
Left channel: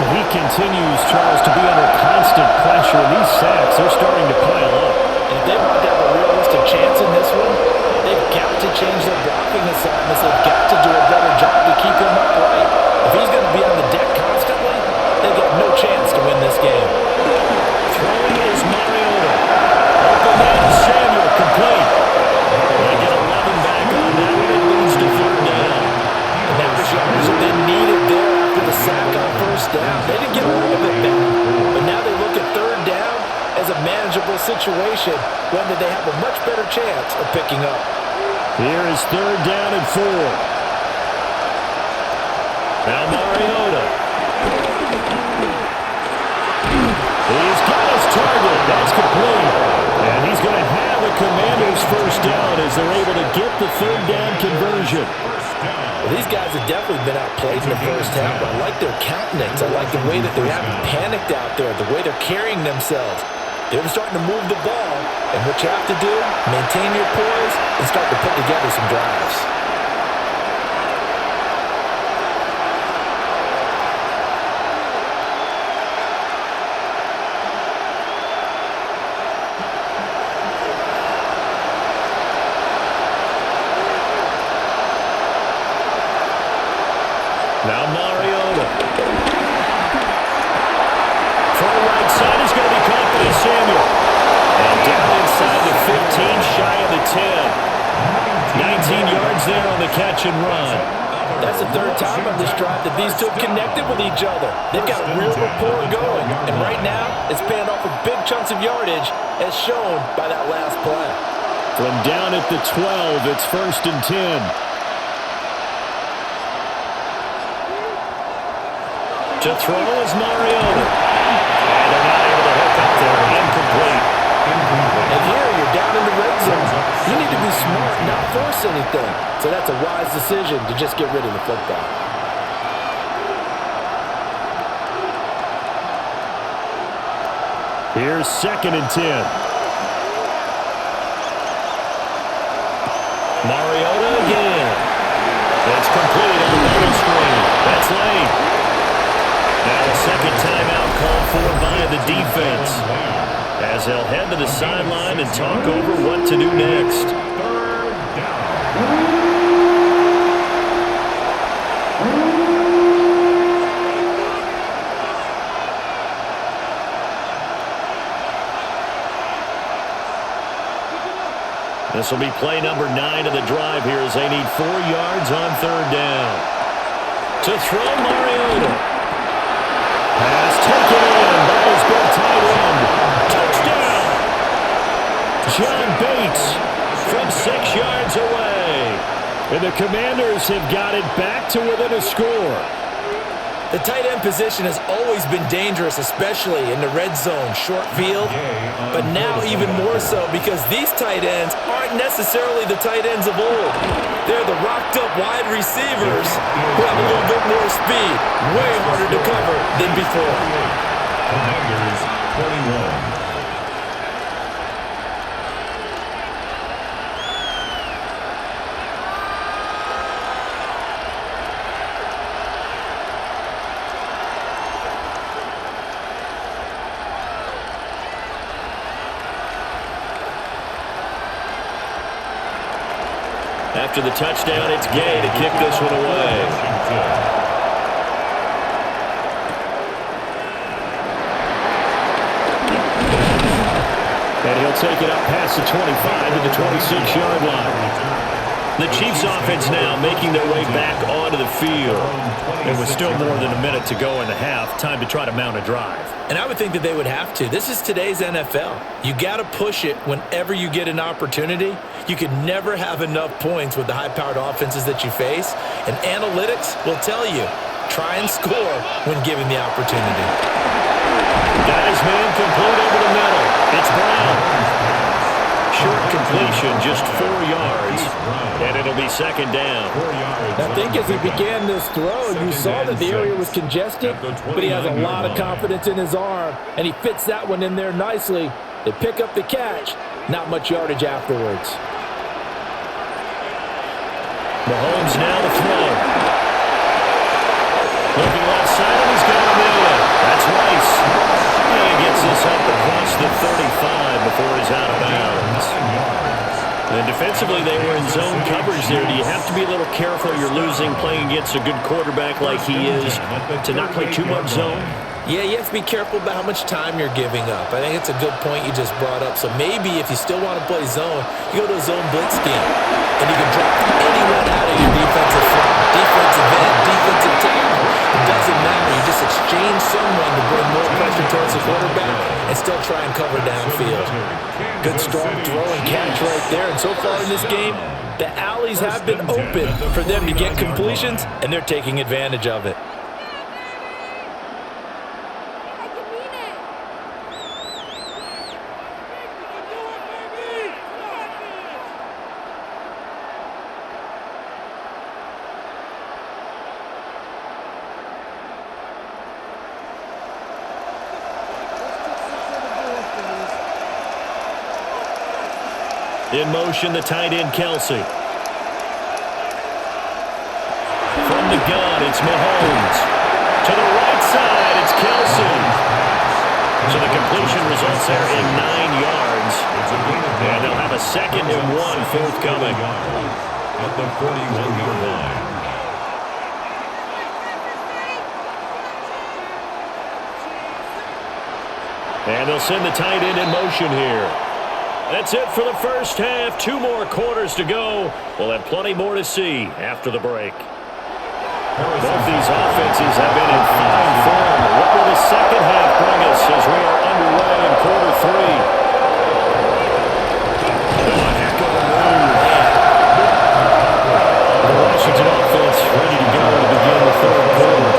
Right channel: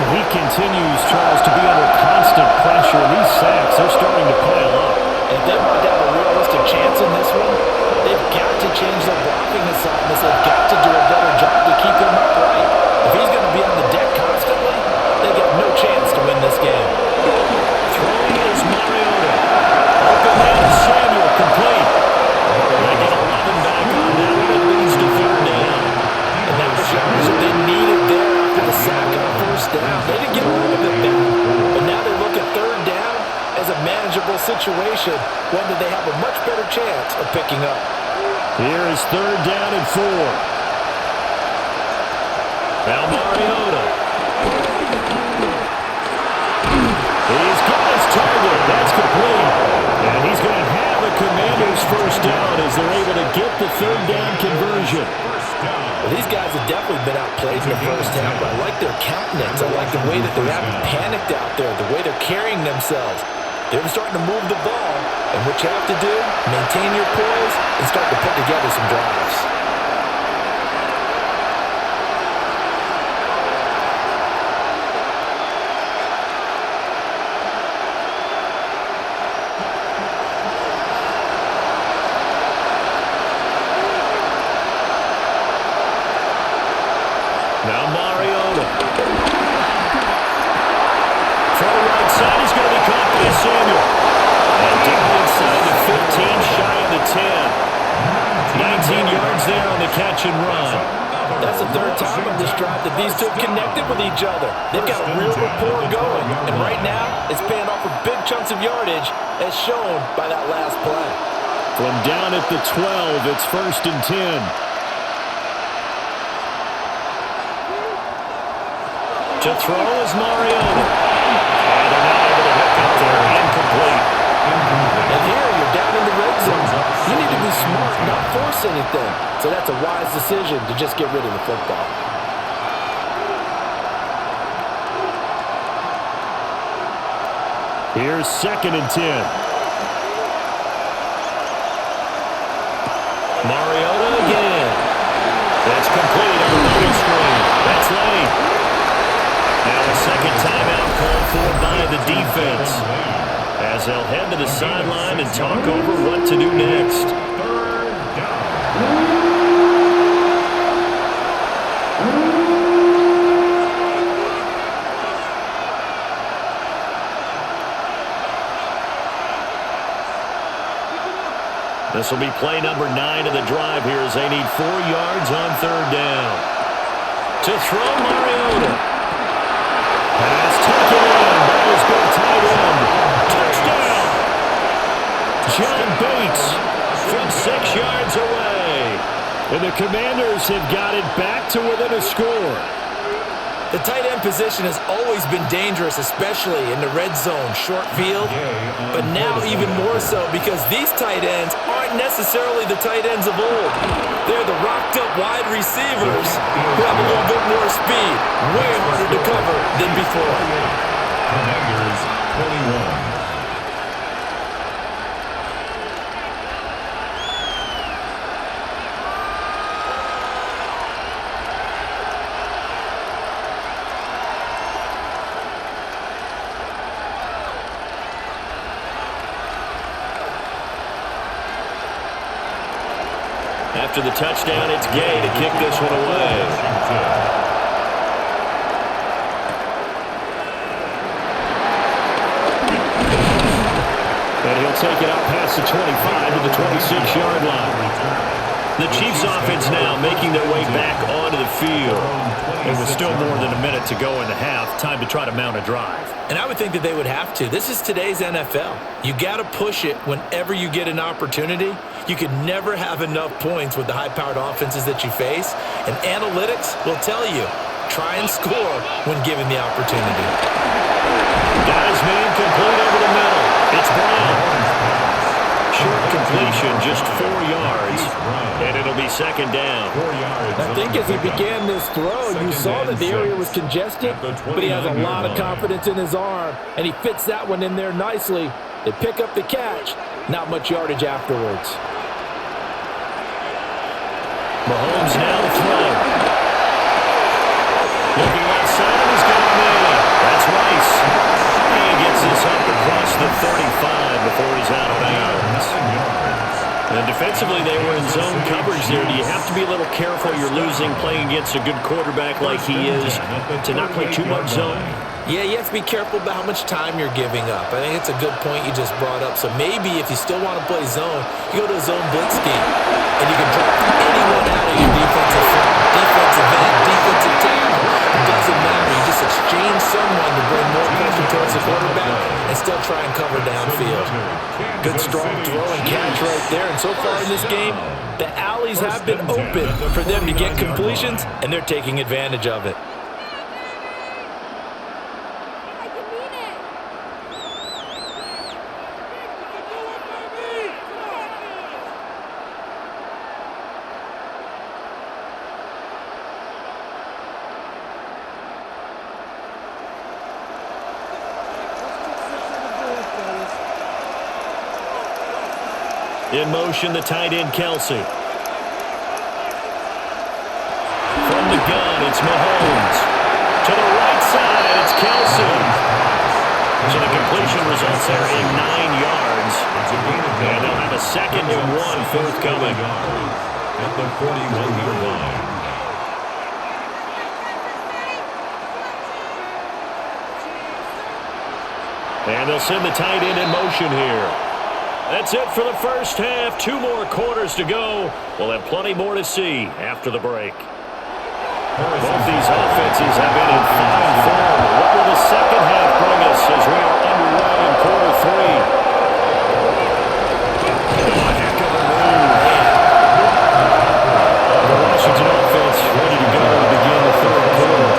And he continues, Charles, to be under constant pressure. These sacks, they're starting to pile up. And if they want to have a realistic chance in this one, they've got to change their blocking assignments. They've got to do a better job to keep him upright. If he's going to be on the deck constantly, they got no chance to win this game. Throwing is Mariota. Open man is Samuel, complete. They get 11 back on that one. It leads to third down. And that was yardage that they needed there after the sack on first down. They didn't get all of it back, but now they look at third down as a manageable situation, one that they have a much better chance of picking up. Here is third down and 4. Now Mariota. He's got his target. That's complete. And he's going to have a Commanders first down as they're able to get the third down conversion. Well, these guys have definitely been outplayed in the first half, but I like their countenance. I like the way that they haven't panicked out there, the way they're carrying themselves. They're starting to move the ball, and what you have to do, maintain your poise and start to put together some drives. Now Mariota. Throw right side is going to be caught by Samuel. And down inside the 15, shy of the 10. 19 yards there on the catch and run. That's the third time on this drive that these two have connected with each other. They've got a real rapport going. And right now, it's paying off with big chunks of yardage as shown by that last play. From down at the 12, it's 1st and 10. To throw is Mariota. And they're not able to hook up there. Incomplete. And here you're down in the red zone. You need to be smart, not force anything. So that's a wise decision to just get rid of the football. Here's 2nd and 10. Mariota again. It's complete on the bubble screen. That's late. Now a second timeout called for by the defense, as they'll head to the sideline and talk over what to do next. Third down. This will be play number 9 of the drive here as they need 4 yards on third down. To throw Mariota. Pass taken in by his big tight end. Touchdown! John Bates from 6 yards away. And the Commanders have got it back to within a score. The tight end position has always been dangerous, especially in the red zone, short field. But now even more so because these tight ends aren't necessarily the tight ends of old. They're the rocked-up wide receivers who have a little bit more speed, way harder to cover than before. Commanders 21. After the touchdown, it's Gay to kick this one away. And he'll take it up past the 25 to the 26-yard line. The Chiefs offense now making their way back onto the field. And with still more than a minute to go in the half, time to try to mount a drive. And I would think that they would have to. This is today's NFL. You got to push it whenever you get an opportunity. You can never have enough points with the high-powered offenses that you face. And analytics will tell you, try and score when given the opportunity. Got his man complete over the middle. It's Brown. Short completion, just 4 yards, and it'll be second down. I think as he began this throw, you saw that the area was congested, but he has a lot of confidence in his arm, and he fits that one in there nicely. They pick up the catch, not much yardage afterwards. Mahomes now to throw. Looking left side, and he's got him in. That's Rice. And he gets this up across the 35 before he's out of bounds. And defensively, they were in zone coverage there. Do you have to be a little careful? You're losing playing against a good quarterback like he is to not play too much zone? Yeah, you have to be careful about how much time you're giving up. I think it's a good point you just brought up. So maybe if you still want to play zone, you go to a zone blitz scheme, and you can drop anyone out of your defensive front, defensive end, defensive tackle. It doesn't matter. You just exchange someone to bring more pressure towards the quarterback and still try and cover downfield. Good strong throw and catch right there. And so far in this game, the alleys have been open for them to get completions, and they're taking advantage of it. In motion, the tight end, Kelsey. From the gun, it's Mahomes. To the right side, it's Kelsey. So the completion results there in 9 yards. And they'll have a 2nd and 1 forthcoming. At the 41-yard line. And they'll send the tight end in motion here. That's it for the first half. 2 more quarters to go. We'll have plenty more to see after the break. Both these offenses have been in fine form. What will the second half bring us as we are underway in quarter 3? Oh, a heck of a move. The Washington offense ready to go to begin the 3rd quarter.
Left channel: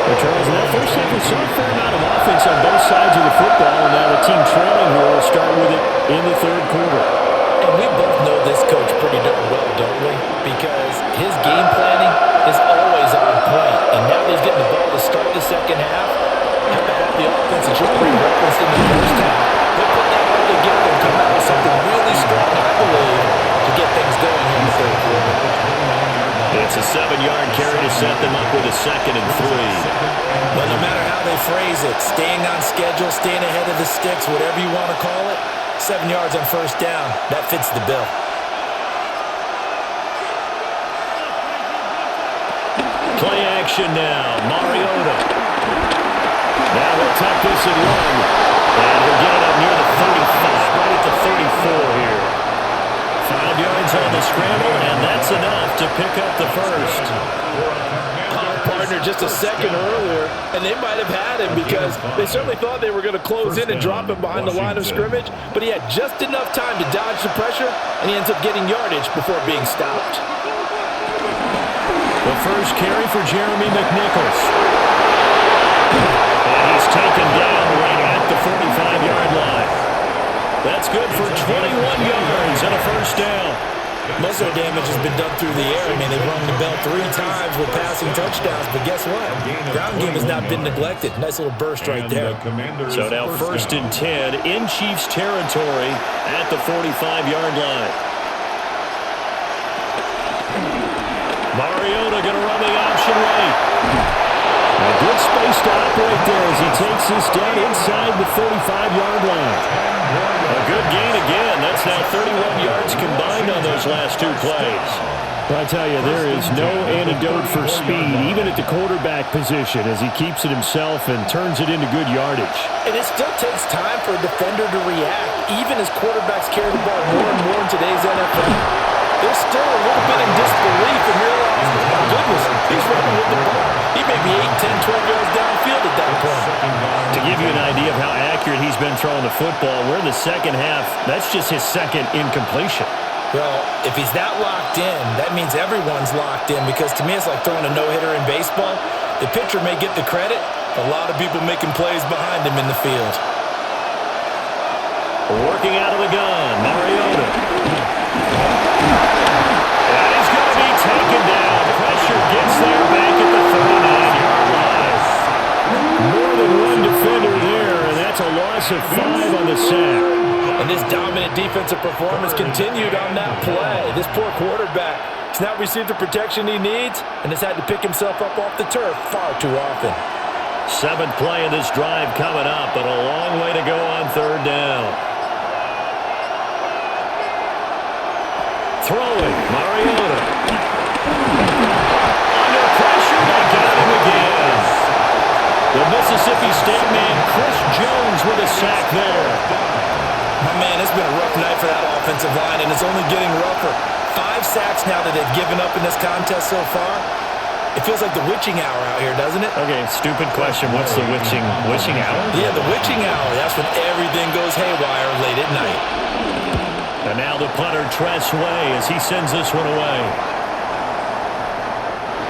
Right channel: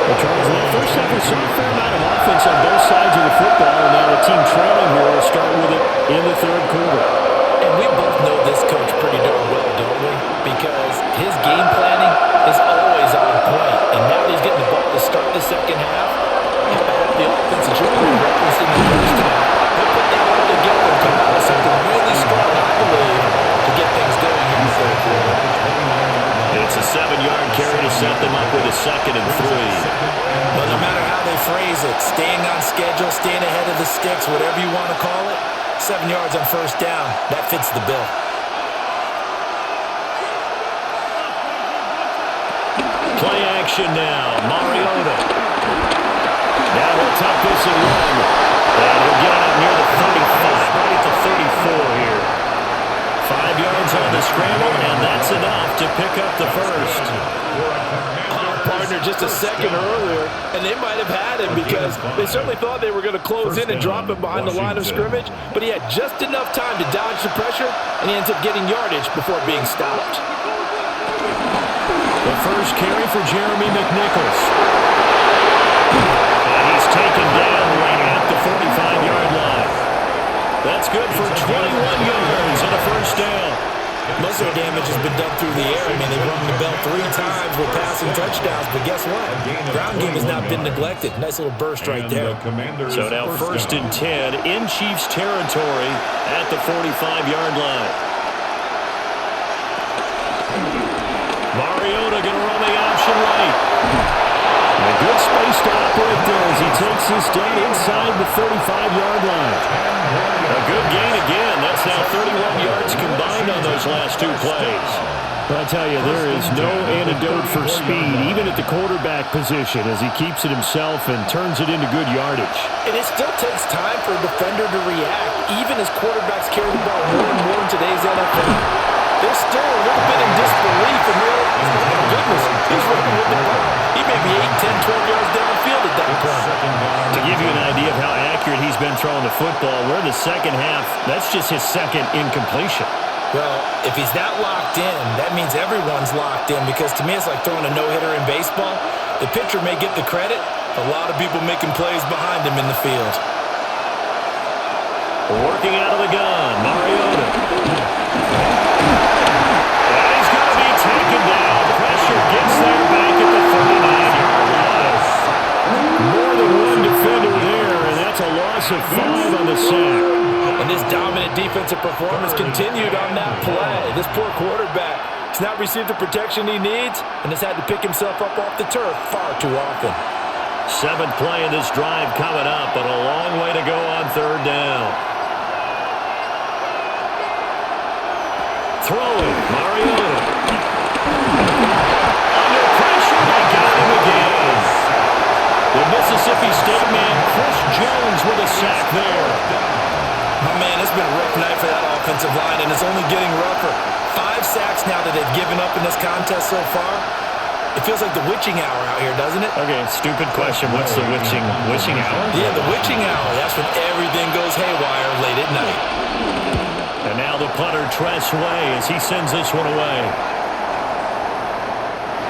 Well, Charles, in that first half, we saw a fair amount of offense on both sides of the football, and now the team trailing here will start with it in the 3rd quarter. And we both know this coach pretty darn well, don't we? Because his game planning is always on point. And now that he's getting the ball to start the second half, how about all the offense that you already referenced in the first half? He'll put that all together and come out with something really strong, I believe, to get things going here in the 3rd quarter. It's a 7-yard carry to set them up with a 2nd and 3. But no matter how they phrase it, staying on schedule, staying ahead of the sticks, whatever you want to call it, 7 yards on first down, that fits the bill. Play action now. Mariota. Now he'll tuck this and run. And he'll get it up near the 35, right at the 34 here. 5 yards on the scramble, and that's enough to pick up the first. Oh, partner, just a second earlier, and they might have had him because they certainly thought they were going to close in and drop him behind the line of scrimmage, but he had just enough time to dodge the pressure, and he ends up getting yardage before being stopped. The first carry for Jeremy McNichols. And he's taken down right at the 45-yard line. That's good for 21 yards and a first down. Most of their damage has been done through the air. I mean, they've rung the bell 3 times with passing touchdowns, but guess what? Ground game has not been neglected. Nice little burst right there. So now 1st and 10 in Chiefs territory at the 45-yard line. Mariota going to run the option right. And good space to operate there as he takes this down inside the 35-yard line. A good gain again. That's now 31 yards combined on those last 2 plays. Well, I tell you, there is no antidote for speed, even at the quarterback position, as he keeps it himself and turns it into good yardage. And it still takes time for a defender to react, even as quarterbacks carry the ball more and more in today's NFL. they're still a little bit in disbelief and realize, oh my goodness, he's running with the ball. He may be 8, 10, 12 yards downfield at that point. To give you an idea of how accurate he's been throwing the football, we're in the second half. That's just his second incompletion. Well, if he's that locked in, that means everyone's locked in, because to me it's like throwing a no-hitter in baseball. The pitcher may get the credit, a lot of people making plays behind him in the field. Working out of the gun, Mariota. And he's going to be taken down. Pressure gets there back at the 39-yard line. More than one defender there, and that's a loss of 5 on the sack. And this dominant defensive performance continued on that play. This poor quarterback has not received the protection he needs and has had to pick himself up off the turf far too often. 7th play of this drive coming up, but a long way to go on 3rd down. Throwing, Mariota. Under pressure, they got him again. The Mississippi State man, Chris Jones, with a sack there. Oh, man, it's been a rough night for that offensive line, and it's only getting rougher. 5 sacks now that they've given up in this contest so far. It feels like the witching hour out here, doesn't it? Okay, stupid question. What's the witching hour? Yeah, the witching hour. That's when everything goes haywire late at night. And now the punter, Tress Way, as he sends this one away.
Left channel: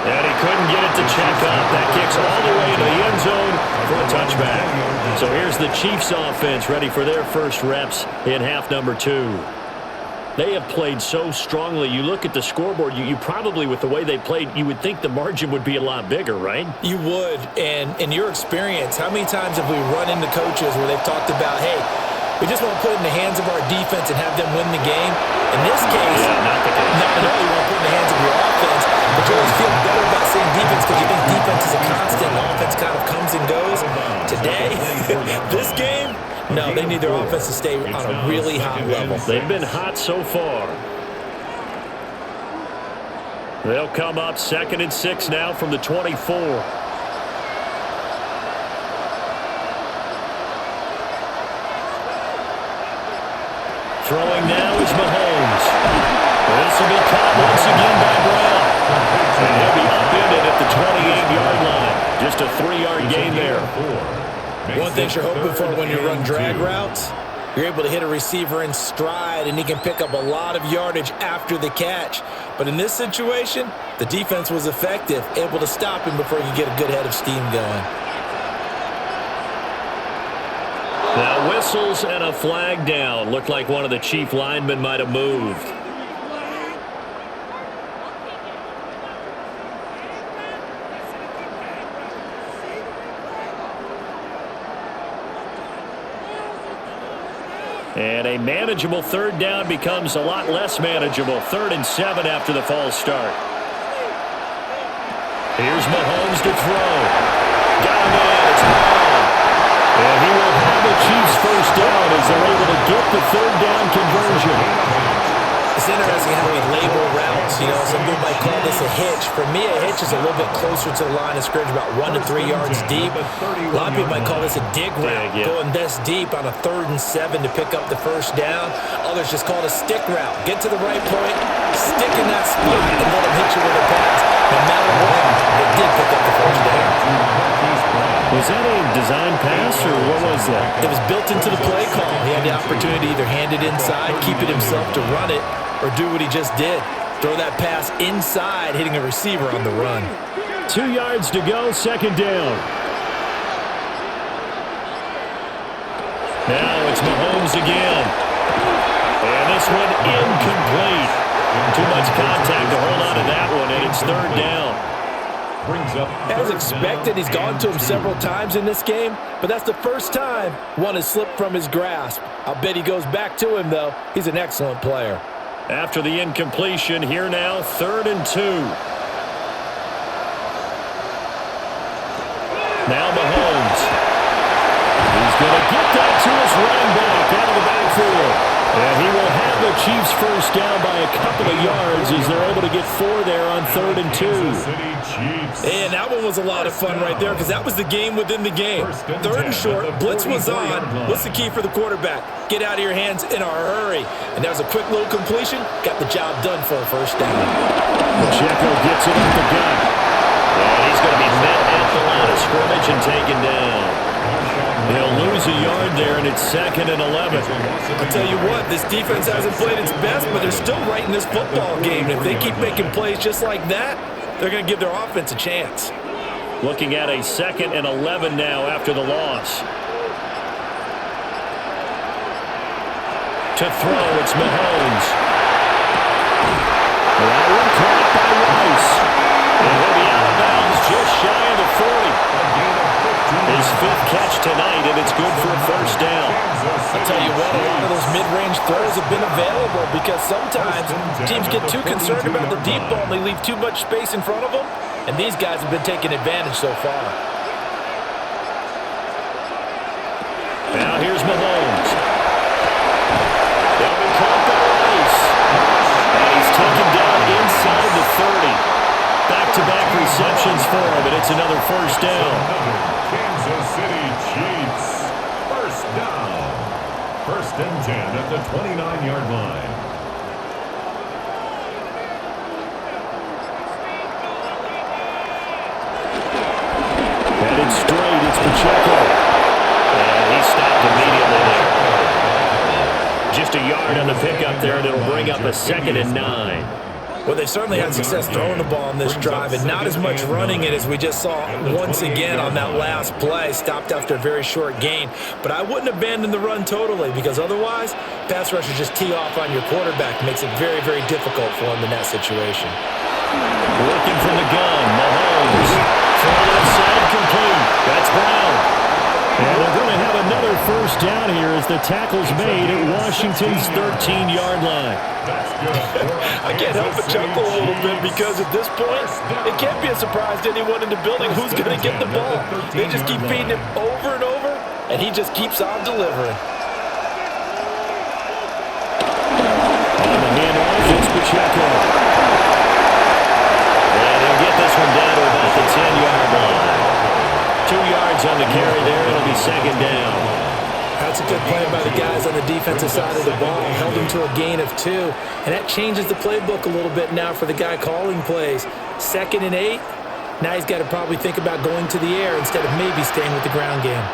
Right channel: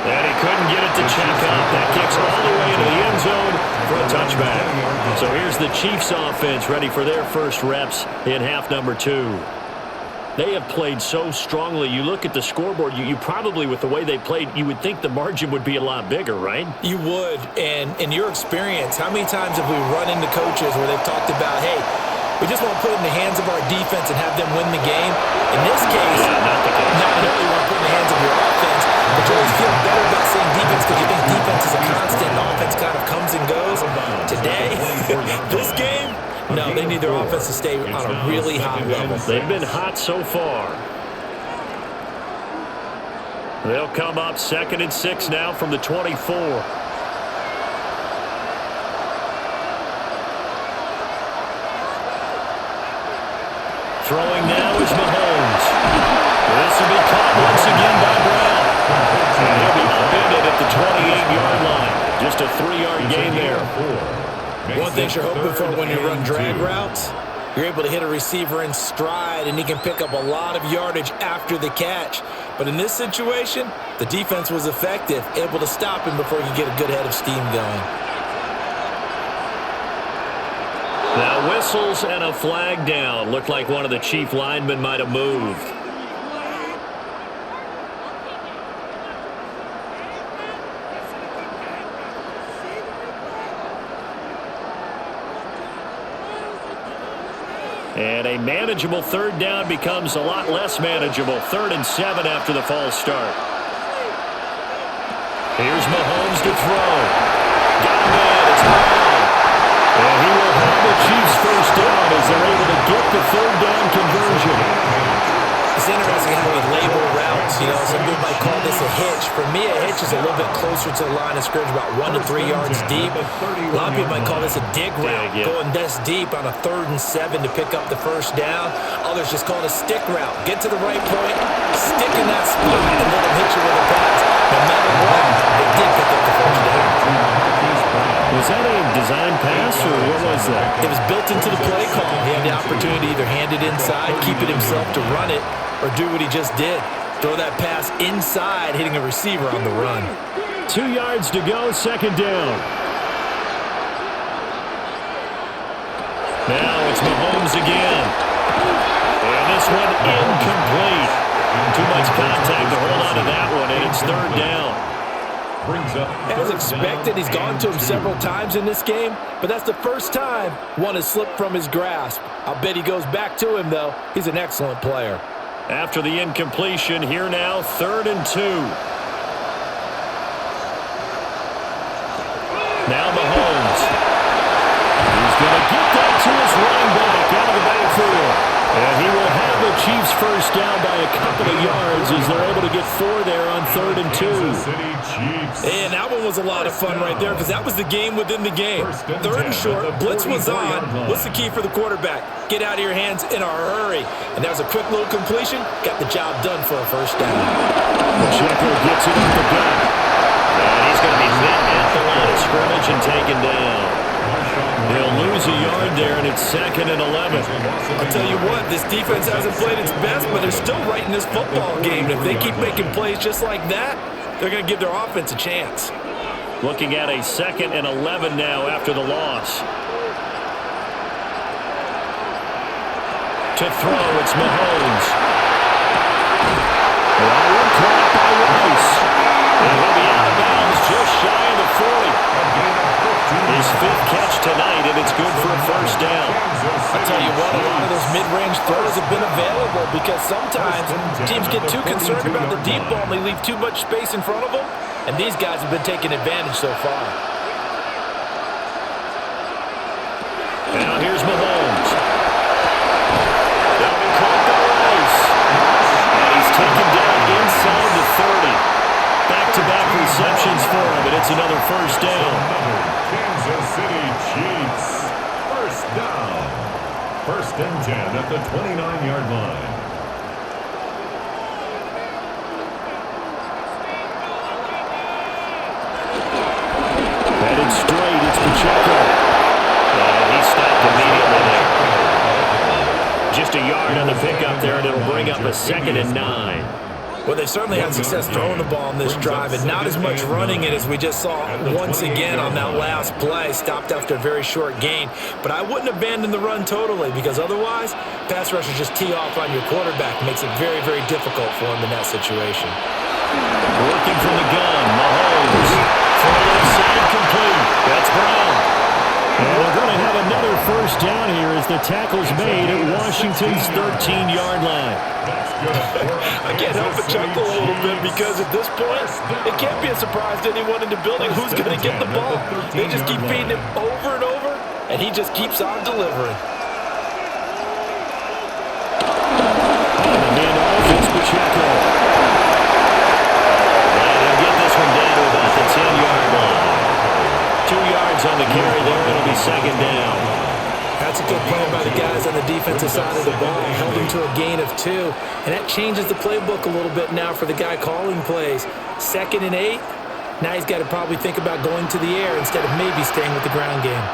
And he couldn't get it to check up. That kicks all the way into the end zone for a touchback. So here's the Chiefs offense ready for their first reps in half number 2. They have played so strongly. You look at the scoreboard, you probably, with the way they played, you would think the margin would be a lot bigger, right? You would. And in your experience, how many times have we run into coaches where they've talked about, hey, we just want to put it in the hands of our defense and have them win the game? In this case, not the case. Not at all. You want to put it in the hands of your offense, but you always feel better about saying defense because you think defense is a constant and offense kind of comes and goes. Today, this game, no, they need their offense to stay on a really hot level. They've been hot so far. They'll come up 2nd and 6 now from the 24. Throwing now is Mahomes. This will be caught once again by Brown. And he'll be upended at the 28-yard line. Just a 3-yard gain there. One thing you're hoping for when you run drag routes, you're able to hit a receiver in stride, and he can pick up a lot of yardage after the catch. But in this situation, the defense was effective, able to stop him before he could get a good head of steam going. Now whistles and a flag down. Looked like one of the Chief linemen might have moved. And a manageable 3rd down becomes a lot less manageable. 3rd and 7 after the false start. Here's Mahomes to throw. Got him in. It's Brown. And he will have the Chiefs first down as they're able to get the 3rd down conversion. It's interesting how we label routes. You know, some people might call this a hitch. For me, a hitch is a little bit closer to the line of scrimmage, about 1 to 3 yards deep. A lot of people might call this a dig route, going this deep on a 3rd and 7 to pick up the first down. Others just call it a stick route. Get to the right point, stick in that spot, and let them hit you with a pass. No matter what, they did pick up the first down. Was that a design pass, or what was that? It was built into the play call. He had the opportunity to either hand it inside, keep it himself to run it, or do what he just did. Throw that pass inside, hitting a receiver on the run. 2 yards to go, 2nd down. Now it's Mahomes again. And this one incomplete. Too much contact to hold on to that one, and it's 3rd down. As expected, he's gone to him several times in this game, but that's the first time one has slipped from his grasp. I'll bet he goes back to him, though. He's an excellent player. After the incompletion, here now, 3rd and 2. Now Mahomes. He's going to get that to his running back out of the backfield. And he will have the Chiefs first down by a couple of yards as they're able to get 4 there on 3rd and 2. And that one was a lot of fun right there because that was the game within the game. 3rd and short, blitz was on. What's the key for the quarterback? Get out of your hands in a hurry. And that was a quick little completion. Got the job done for a first down. Pacheco gets it up the gut. And he's going to be met at the line of scrimmage and taken down. They'll lose a yard there, and it's 2nd and 11. I'll tell you what, this defense hasn't played its best, but they're still right in this football game. If they keep making plays just like that, they're going to give their offense a chance. Looking at a 2nd and 11 now after the loss. To throw, it's Mahomes. That one caught by Rice. And he'll be out of bounds just shy of the 40. His 5th catch tonight, and it's good for a first down. I'll tell you what, a lot of those mid-range throws have been available because sometimes teams get too concerned about the deep ball and they leave too much space in front of them, and these guys have been taking advantage so far. Now here's Mahomes. That'll be caught by Rice. And he's taken down inside the 30. Back-to-back receptions for him, and it's another first down. Another Kansas City Chiefs first down. 1st and 10 at the 29-yard line. Headed straight, it's Pacheco. And he stopped immediately there. Just a yard on the pickup there, and it'll bring up a 2nd and 9. Well, they certainly had success throwing the ball on this drive and not as much running it as we just saw once again on that last play. Stopped after a very short gain. But I wouldn't abandon the run totally because otherwise, pass rushers just tee off on your quarterback. Makes it very, very difficult for him in that situation. Working from the gun, Mahomes. From the left side, complete. That's Brown. And they're going to have another first down here as the tackle's made at Washington's 13-yard line. That's good. I can't help but chuckle a little bit because at this point, it can't be a surprise to anyone in the building who's going to get the ball. They just keep feeding him over and over, and he just keeps on delivering. On the handoff, it's Pacheco. And he'll get this one down to about the 10-yard line. 2 yards on the carry there. It'll be 2nd down. That's a good play by the guys on the defensive side of the ball. Held him to a gain of 2. And that changes the playbook a little bit now for the guy calling plays. 2nd and 8. Now he's got to probably think about going to the air instead of maybe staying with the ground game.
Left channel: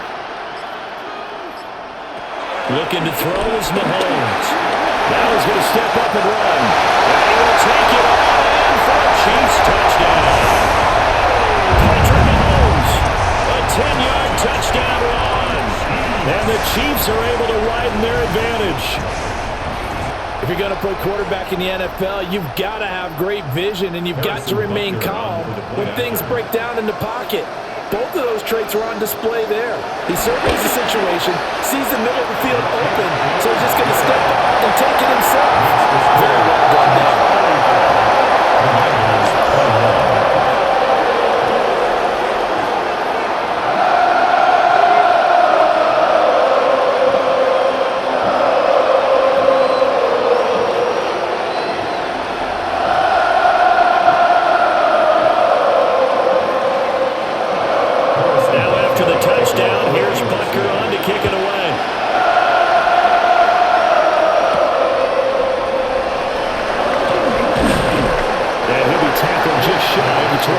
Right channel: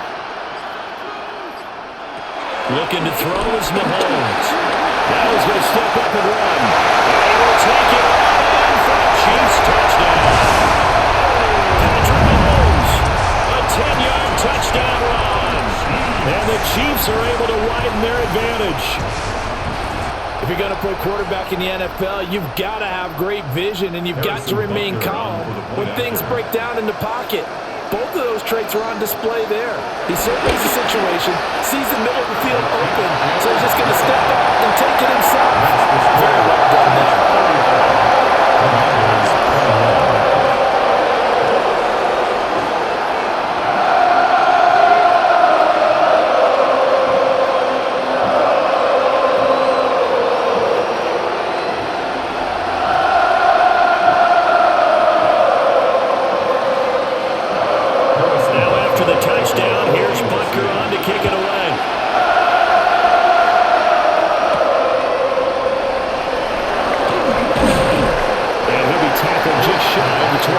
Looking to throw is Mahomes. Now he's going to step up and run. And he will take it on in for a Chiefs touchdown. Patrick Mahomes. A 10-yard touchdown run. And the Chiefs are able to widen their advantage. If you're going to play quarterback in the NFL, you've got to have great vision, and you've got to remain calm when things break down in the pocket. Both of those traits are on display there. He surveys the situation, sees the middle of the field open, so he's just going to step up and take it himself. Very well done there. The touchdown. Here's Butker on to kick it away. And he'll be tackled just shy of the 25.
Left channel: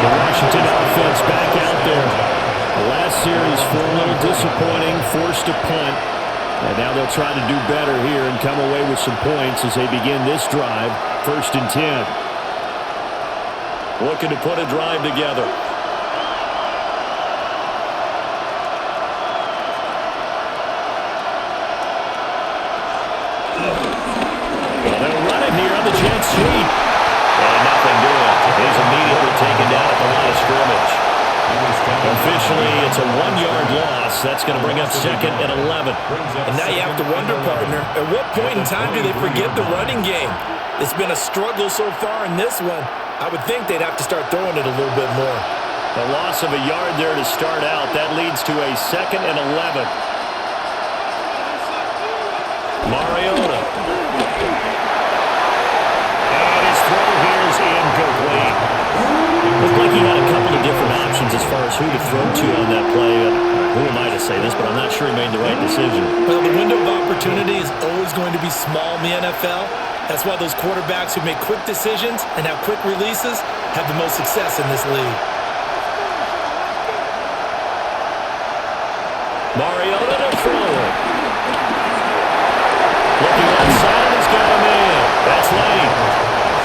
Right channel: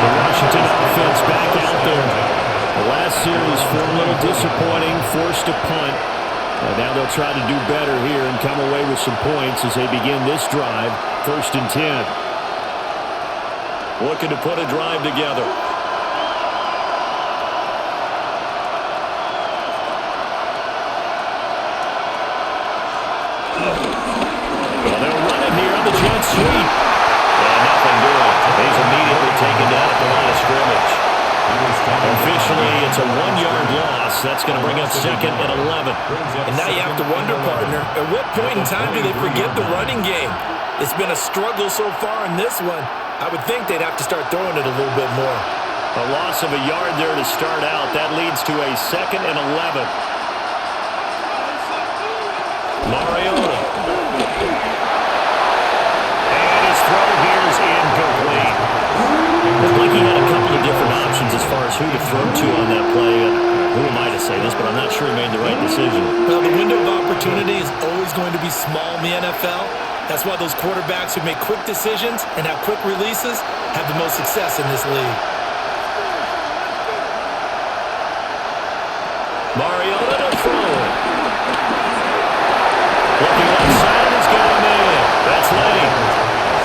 The Washington offense back out there. The last series for a little disappointing, forced a punt. And now they'll try to do better here and come away with some points as they begin this drive, 1st and 10. Looking to put a drive together. Well, they'll run it here on the jet sweep. And nothing doing. He's immediately taken down at the line of scrimmage. Officially, it's a 1-yard loss. That's going to bring up 2nd and 11. And now you have to wonder, partner, at what point in time do they forget the running game? It's been a struggle so far in this one. I would think they'd have to start throwing it a little bit more. A loss of a yard there to start out. That leads to a 2nd and 11. Mariota. And his throw here is incomplete. Looked like he had a couple of different options as far as who to throw to on that play. And who am I to say this, but I'm not sure he made the right decision. Well, the window of opportunity is always going to be small in the NFL. That's why those quarterbacks who make quick decisions and have quick releases have the most success in this league. Mariota to throw it. Looking left side, and he's got a man. That's late.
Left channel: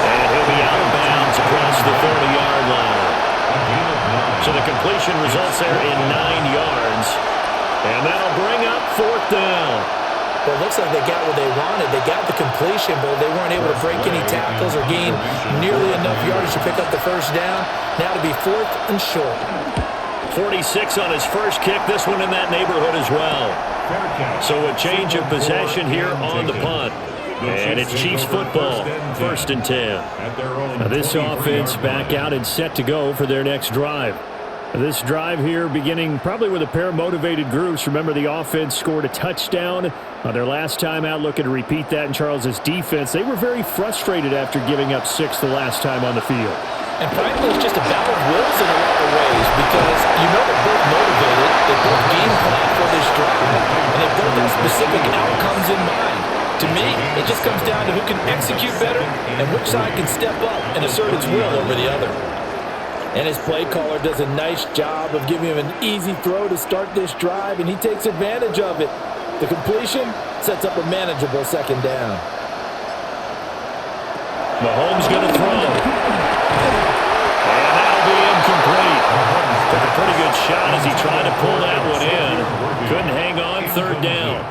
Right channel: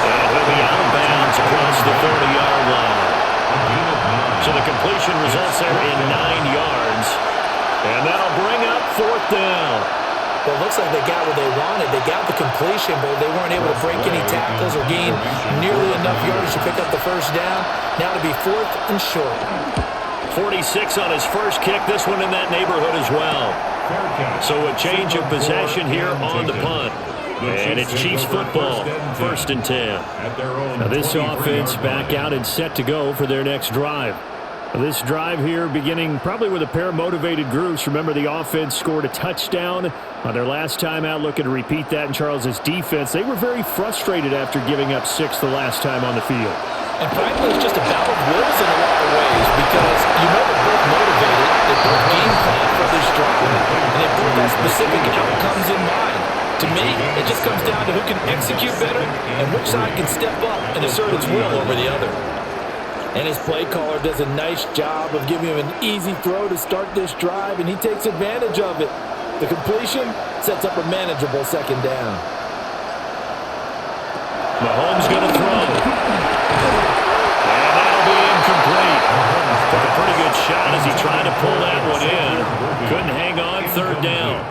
And he'll be out of bounds across the 30-yard line. So the completion results there in 9 yards. And that'll bring up 4th down. Well, it looks like they got what they wanted. They got the completion, but they weren't able to break any tackles or gain nearly enough yardage to pick up the first down. Now to be 4th and short. 46 on his first kick. This one in that neighborhood as well. So a change of possession here on the punt. And it's Chiefs football, 1st and 10. Now this offense back out and set to go for their next drive. This drive here beginning probably with a pair of motivated groups. Remember, the offense scored a touchdown on their last time out. Looking to repeat that in Charles's defense. They were very frustrated after giving up 6 the last time on the field. And frankly, it's just a battle of wills in a lot of ways because you know they're both motivated, they both game plan for this drive, and they both have specific outcomes in mind. To me, it just comes down to who can execute better and which side can step up and assert its will over the other. And his play caller does a nice job of giving him an easy throw to start this drive, and he takes advantage of it. The completion sets up a manageable 2nd down. Mahomes going to throw. And that'll be incomplete. Took a pretty good shot as he tried to pull that one in. Couldn't hang on, 3rd down.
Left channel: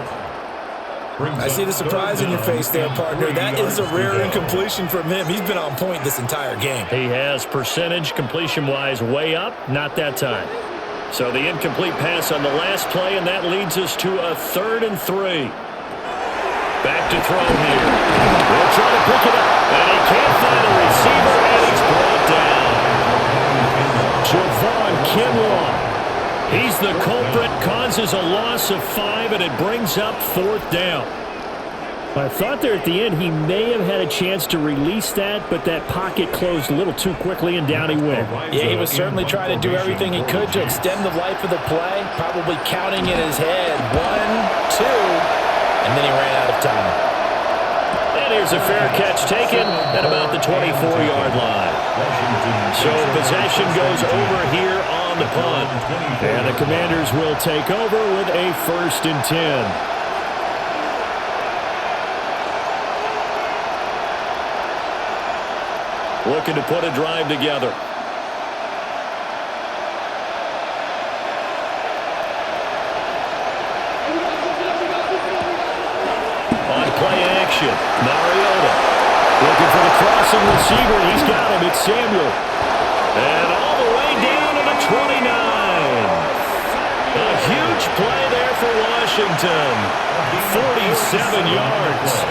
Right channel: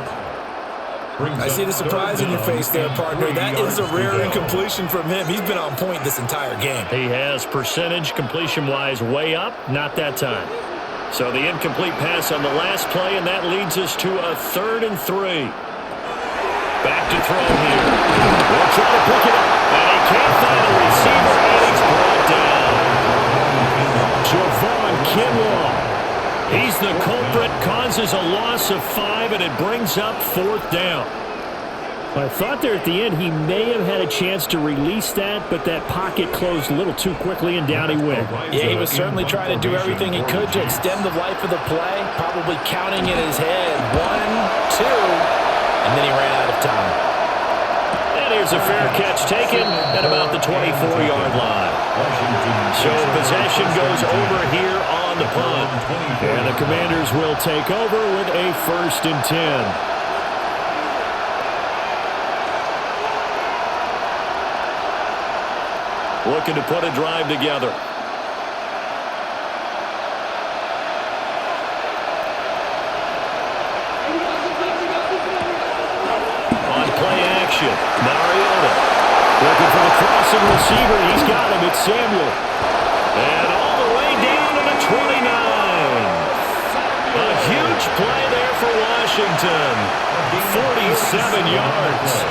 I see the surprise in your face there, partner. That is a rare incompletion from him. He's been on point this entire game. He has percentage completion-wise way up, not that time. So the incomplete pass on the last play, and that leads us to a 3rd and 3. Back to throw here. He'll try to pick it up, and he can't find a receiver, and he's brought down. Javon Kinlaw. He's the culprit, causes a loss of 5, and it brings up 4th down. I thought there at the end he may have had a chance to release that, but that pocket closed a little too quickly, and down he went. Yeah, he was certainly trying to do everything he could to extend the life of the play, probably counting in his head 1, 2, and then he ran out of time. And here's a fair catch taken at about the 24-yard line. So possession goes over here on the punt. And the Commanders will take over with a 1st and 10. Looking to put a drive together. On play action, Mariota looking for the crossing receiver. He's got him. It's Samuel. And all the way down to the 29. A huge play there for Washington. 47 yards.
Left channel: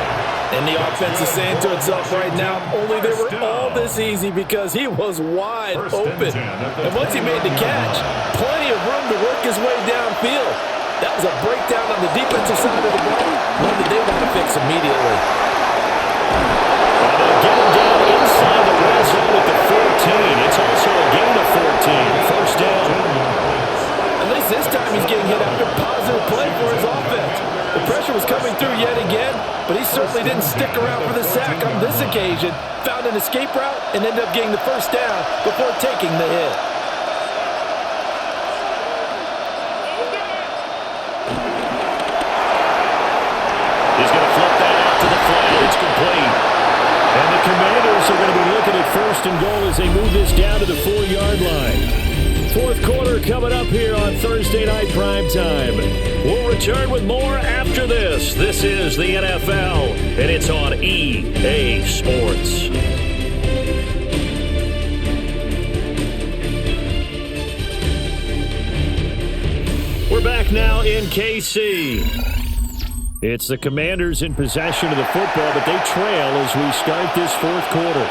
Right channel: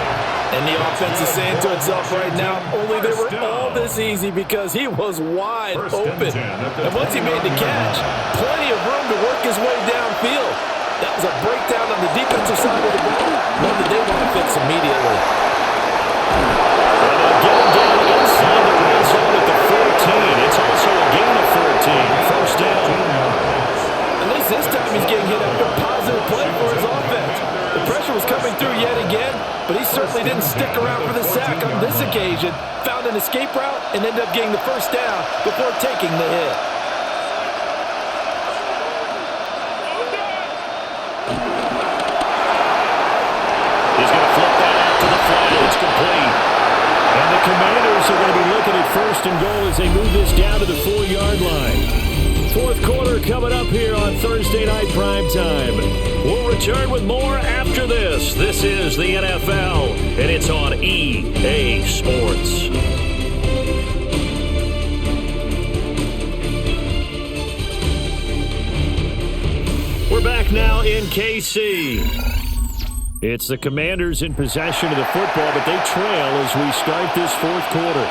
And the offense is saying to itself right now, only they were all this easy because he was wide open. And once he made the catch, plenty of room to work his way downfield. That was a breakdown on the defensive side of the ball, one that they want to fix immediately. And they'll get him down inside the red zone at the 14. It's also a gain of 14. 1st down. At least this time he's getting hit after positive play for his offense. The pressure was coming through yet again, but he certainly didn't stick around for the sack on this occasion. Found an escape route and ended up getting the 1st down before taking the hit. He's going to flip that out to the flat. It's complete. And the Commanders are going to be looking at 1st and goal as they move this down to the 4-yard line. 4th quarter coming up here on Thursday Night Primetime. We'll return with more after this. This is the NFL, and it's on EA Sports. We're back now in KC. It's the Commanders in possession of the football, but they trail as we start this 4th quarter.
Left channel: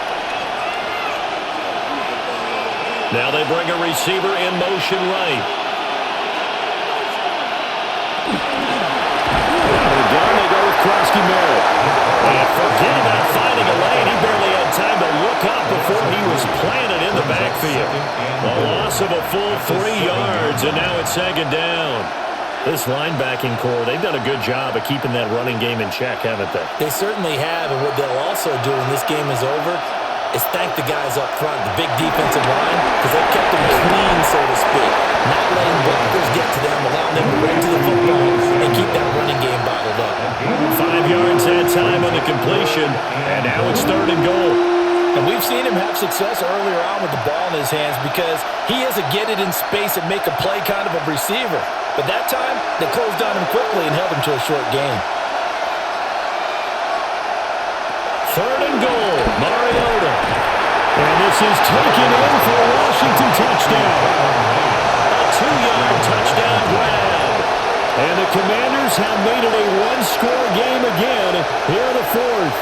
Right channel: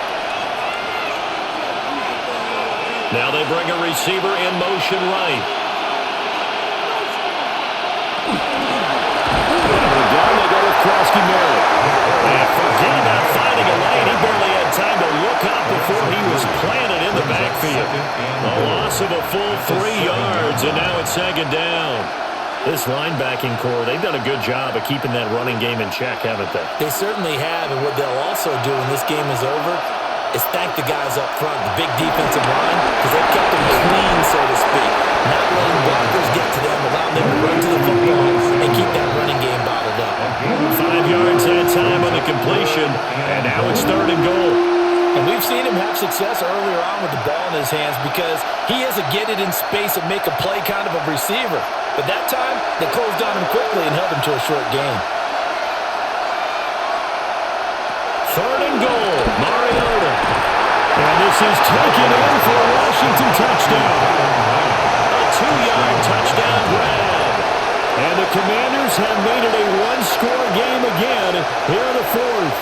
Now they bring a receiver in motion right. Out of the gun, they go with Krosky Merritt. And forget about finding a lane. He barely had time to look up before he was planted in the backfield. A loss of a full 3 yards, and now it's second down. This linebacking core, they've done a good job of keeping that running game in check, haven't they? They certainly have, and what they'll also do when this game is over is thank the guys up front, the big defensive line, because they've kept them clean, so to speak. Not letting blockers get to them, allowing them to run to the football and keep that running game bottled up. 5 yards that time on the completion, and now it's 3rd and goal. And we've seen him have success earlier on with the ball in his hands because he is a get it in space and make a play kind of a receiver. But that time, they closed on him quickly and held him to a short gain. 3rd and goal, Mariota. And this is taken in for a Washington touchdown. A 2-yard touchdown grab. And the Commanders have made it a one-score game again here in the 4th.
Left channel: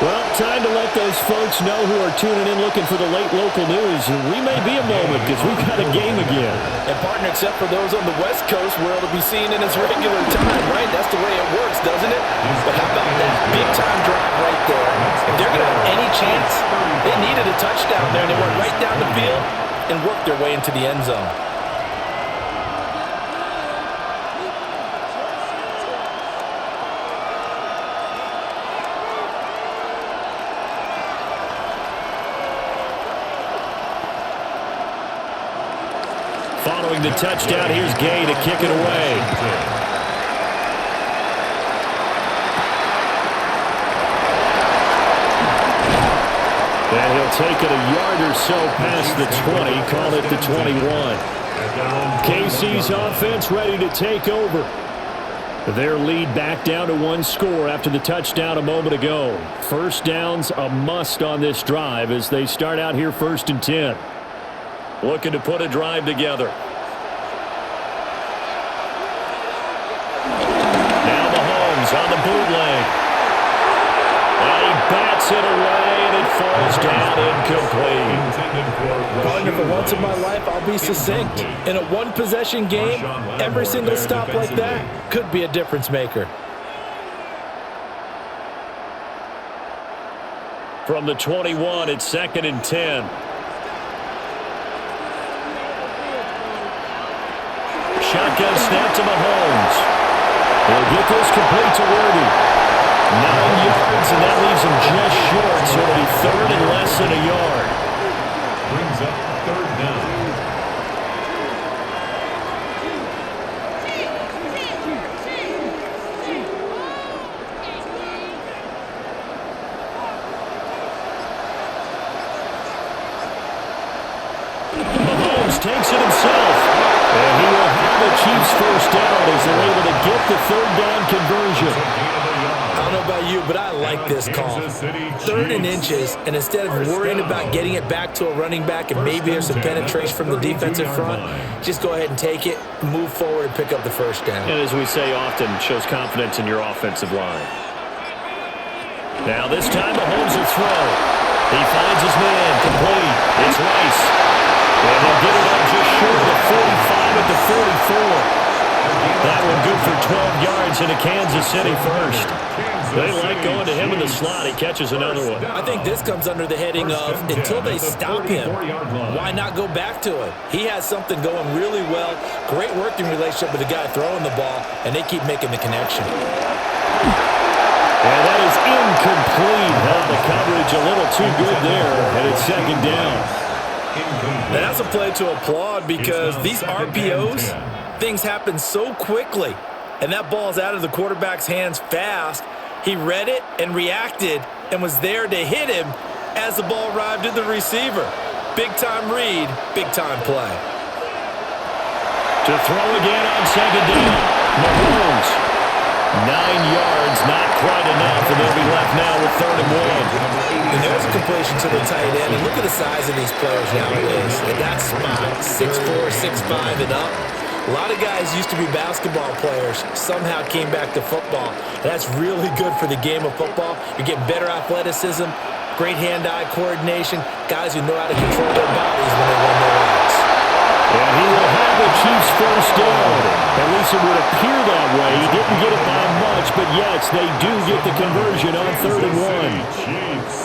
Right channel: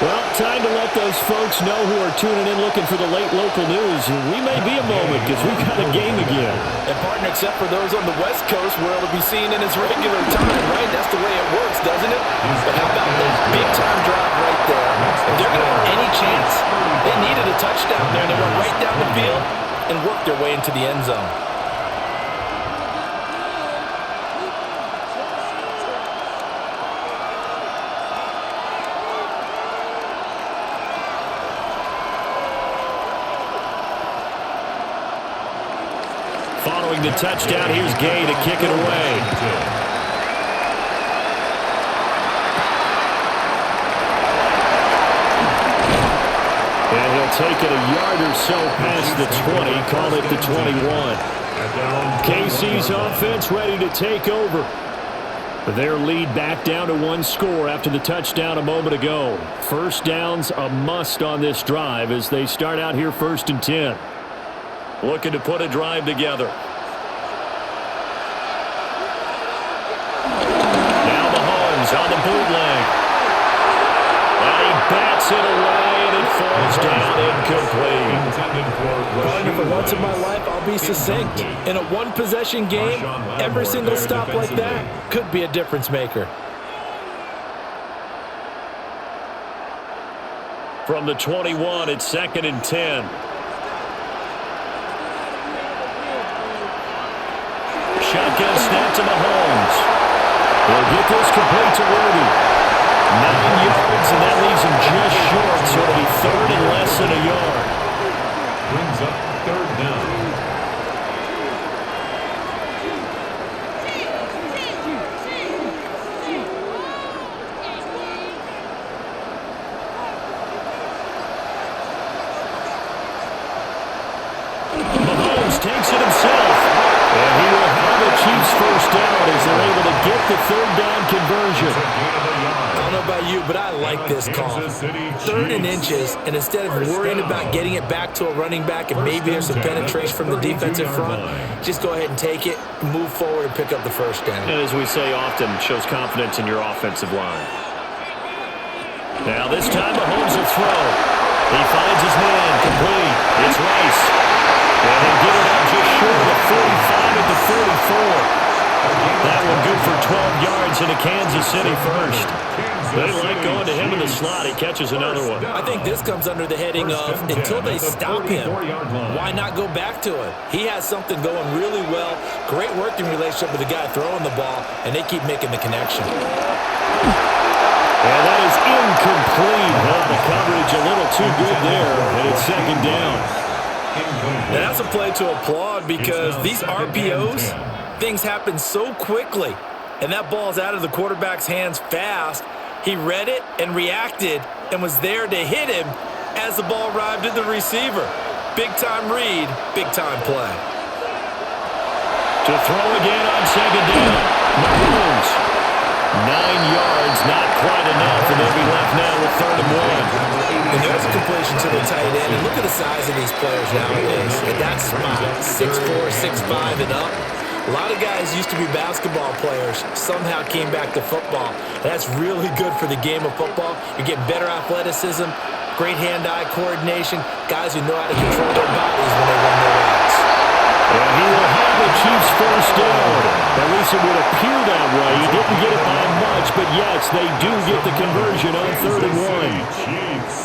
Well, time to let those folks know who are tuning in looking for the late local news. We may be a moment because we've got a game again. And, partner, except for those on the West Coast where it'll be seen in its regular time, right? That's the way it works, doesn't it? But how about that big-time drive right there? If they're going to have any chance, they needed a touchdown there, and they went right down the field and worked their way into the end zone. Following the touchdown, here's Gay to kick it away. And he'll take it a yard or so past the 20, call it the 21. KC's offense ready to take over. Their lead back down to 1 score after the touchdown a moment ago. First down's a must on this drive as they start out here 1st and 10. Looking to put a drive together. Now Mahomes on the bootleg. And he bats it away, and it falls down incomplete. Partner, for once in my life, I'll be succinct. In a one-possession game, every single stop like that could be a difference maker. From the 21, it's 2nd and 10. Shotgun snap to Mahomes. He'll get this complete to Worthy. 9 yards, and that leaves him just short, so it'll be 3rd and less than a yard. Brings up 3rd down. Mahomes takes it himself. And he will have a Chiefs first down as they're able to get the 3rd down conversion. I don't know about you, but I like this call. 3rd and inches, and instead of worrying about getting it back to a running back and maybe there's some penetration from the defensive front, just go ahead and take it, move forward, and pick up the first down. And as we say often, shows confidence in your offensive line. Now this time Mahomes will throw. He finds his man, complete. It's Rice. And he'll get it up just short of the 45 at the 44. That one good for 12 yards into Kansas City first. They like going to him in the slot. He catches another one. I think this comes under the heading of until they stop him, why not go back to him? He has something going really well, great working relationship with the guy throwing the ball, and they keep making the connection. And that is incomplete. Held the coverage a little too good there, and it's 2nd down. And that's a play to applaud because these RPOs, things happen so quickly. And that ball's out of the quarterback's hands fast. He read it and reacted and was there to hit him as the ball arrived at the receiver. Big-time read, big-time play. To throw again on 2nd down. Mahomes. 9 yards, not quite enough, and they'll be left now with 3rd and 1. And there's a completion to the tight end. And look at the size of these players nowadays. At that spot, 6'4", 6'5", and up. A lot of guys used to be basketball players, somehow came back to football. And that's really good for the game of football. You're getting better athleticism, great hand-eye coordination, guys who know how to control their bodies when they run their routes. And he will have a Chiefs first down. At least it would appear that way. He didn't get it by much, but yes, they do get the conversion on 3rd and 1.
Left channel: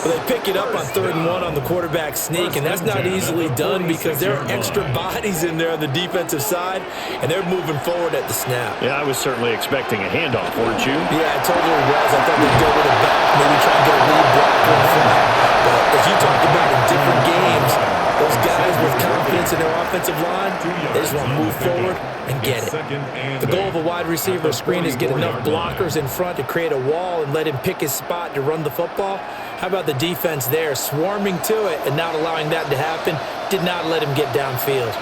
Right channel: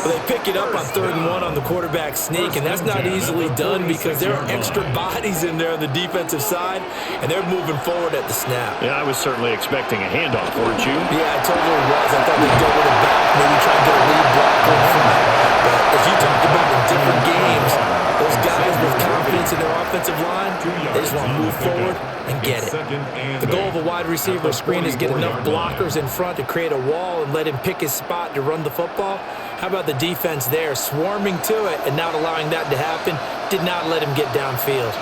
Well, they pick it up on 3rd and 1 on the quarterback sneak, and that's not easily done because there are extra bodies in there on the defensive side, and they're moving forward at the snap. Yeah, I was certainly expecting a handoff, weren't you? Yeah, I totally was. I thought they'd go with it back, maybe try and get a lead blocker in front. But as you talked about in different games, those guys with confidence in their offensive line, they just want to move forward and get it. The goal of a wide receiver screen is get enough blockers in front to create a wall and let him pick his spot to run the football. How about the defense there, swarming to it and not allowing that to happen, did not let him get downfield.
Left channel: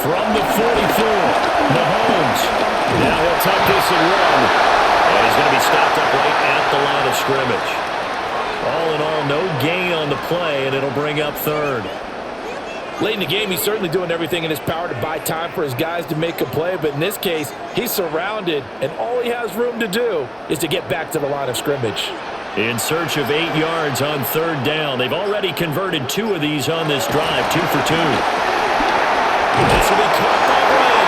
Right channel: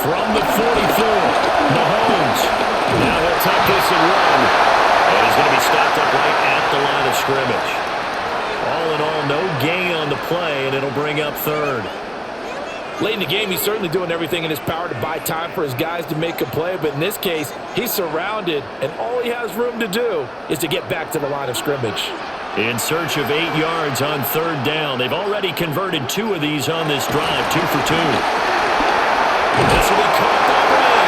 From the 44, Mahomes. Now he'll tuck this and run. And he's going to be stopped up right at the line of scrimmage. All in all, no gain on the play, and it'll bring up 3rd. Late in the game, he's certainly doing everything in his power to buy time for his guys to make a play, but in this case, he's surrounded, and all he has room to do is to get back to the line of scrimmage. In search of 8 yards on 3rd down. They've already converted 2 of these on this drive, 2 for 2. This will be caught by Brown.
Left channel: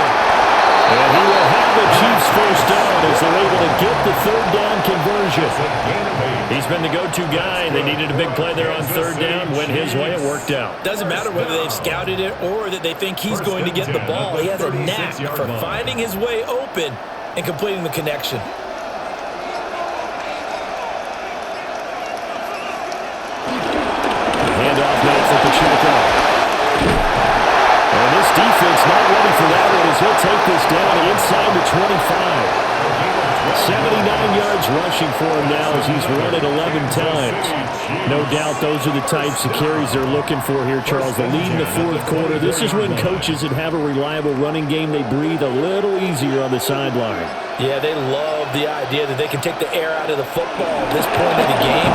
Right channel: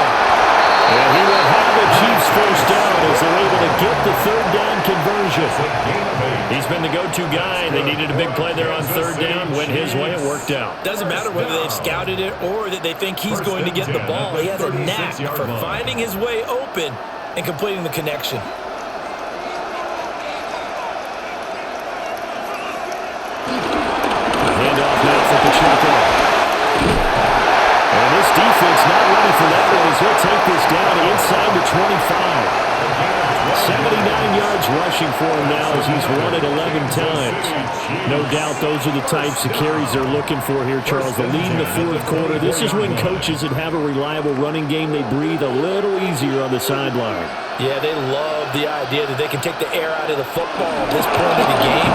And he will have a Chiefs first down as they're able to get the 3rd down conversion. He's been the go-to guy. They needed a big play there on 3rd down. Went his way. It worked out. Doesn't matter whether they've scouted it or that they think he's going to get the ball. He has a knack for finding his way open and completing the connection. A handoff now for Pacheco. And this defense not ready for that one as he'll take this down inside the 25. 79 yards rushing for him now as he's run it 11 times. No doubt those are the types of carries they're looking for here, Charles. The lead in the 4th quarter. This is when coaches that have a reliable running game, they breathe a little easier on the sideline. Yeah, they love the idea that they can take the air out of the football at this point in the game.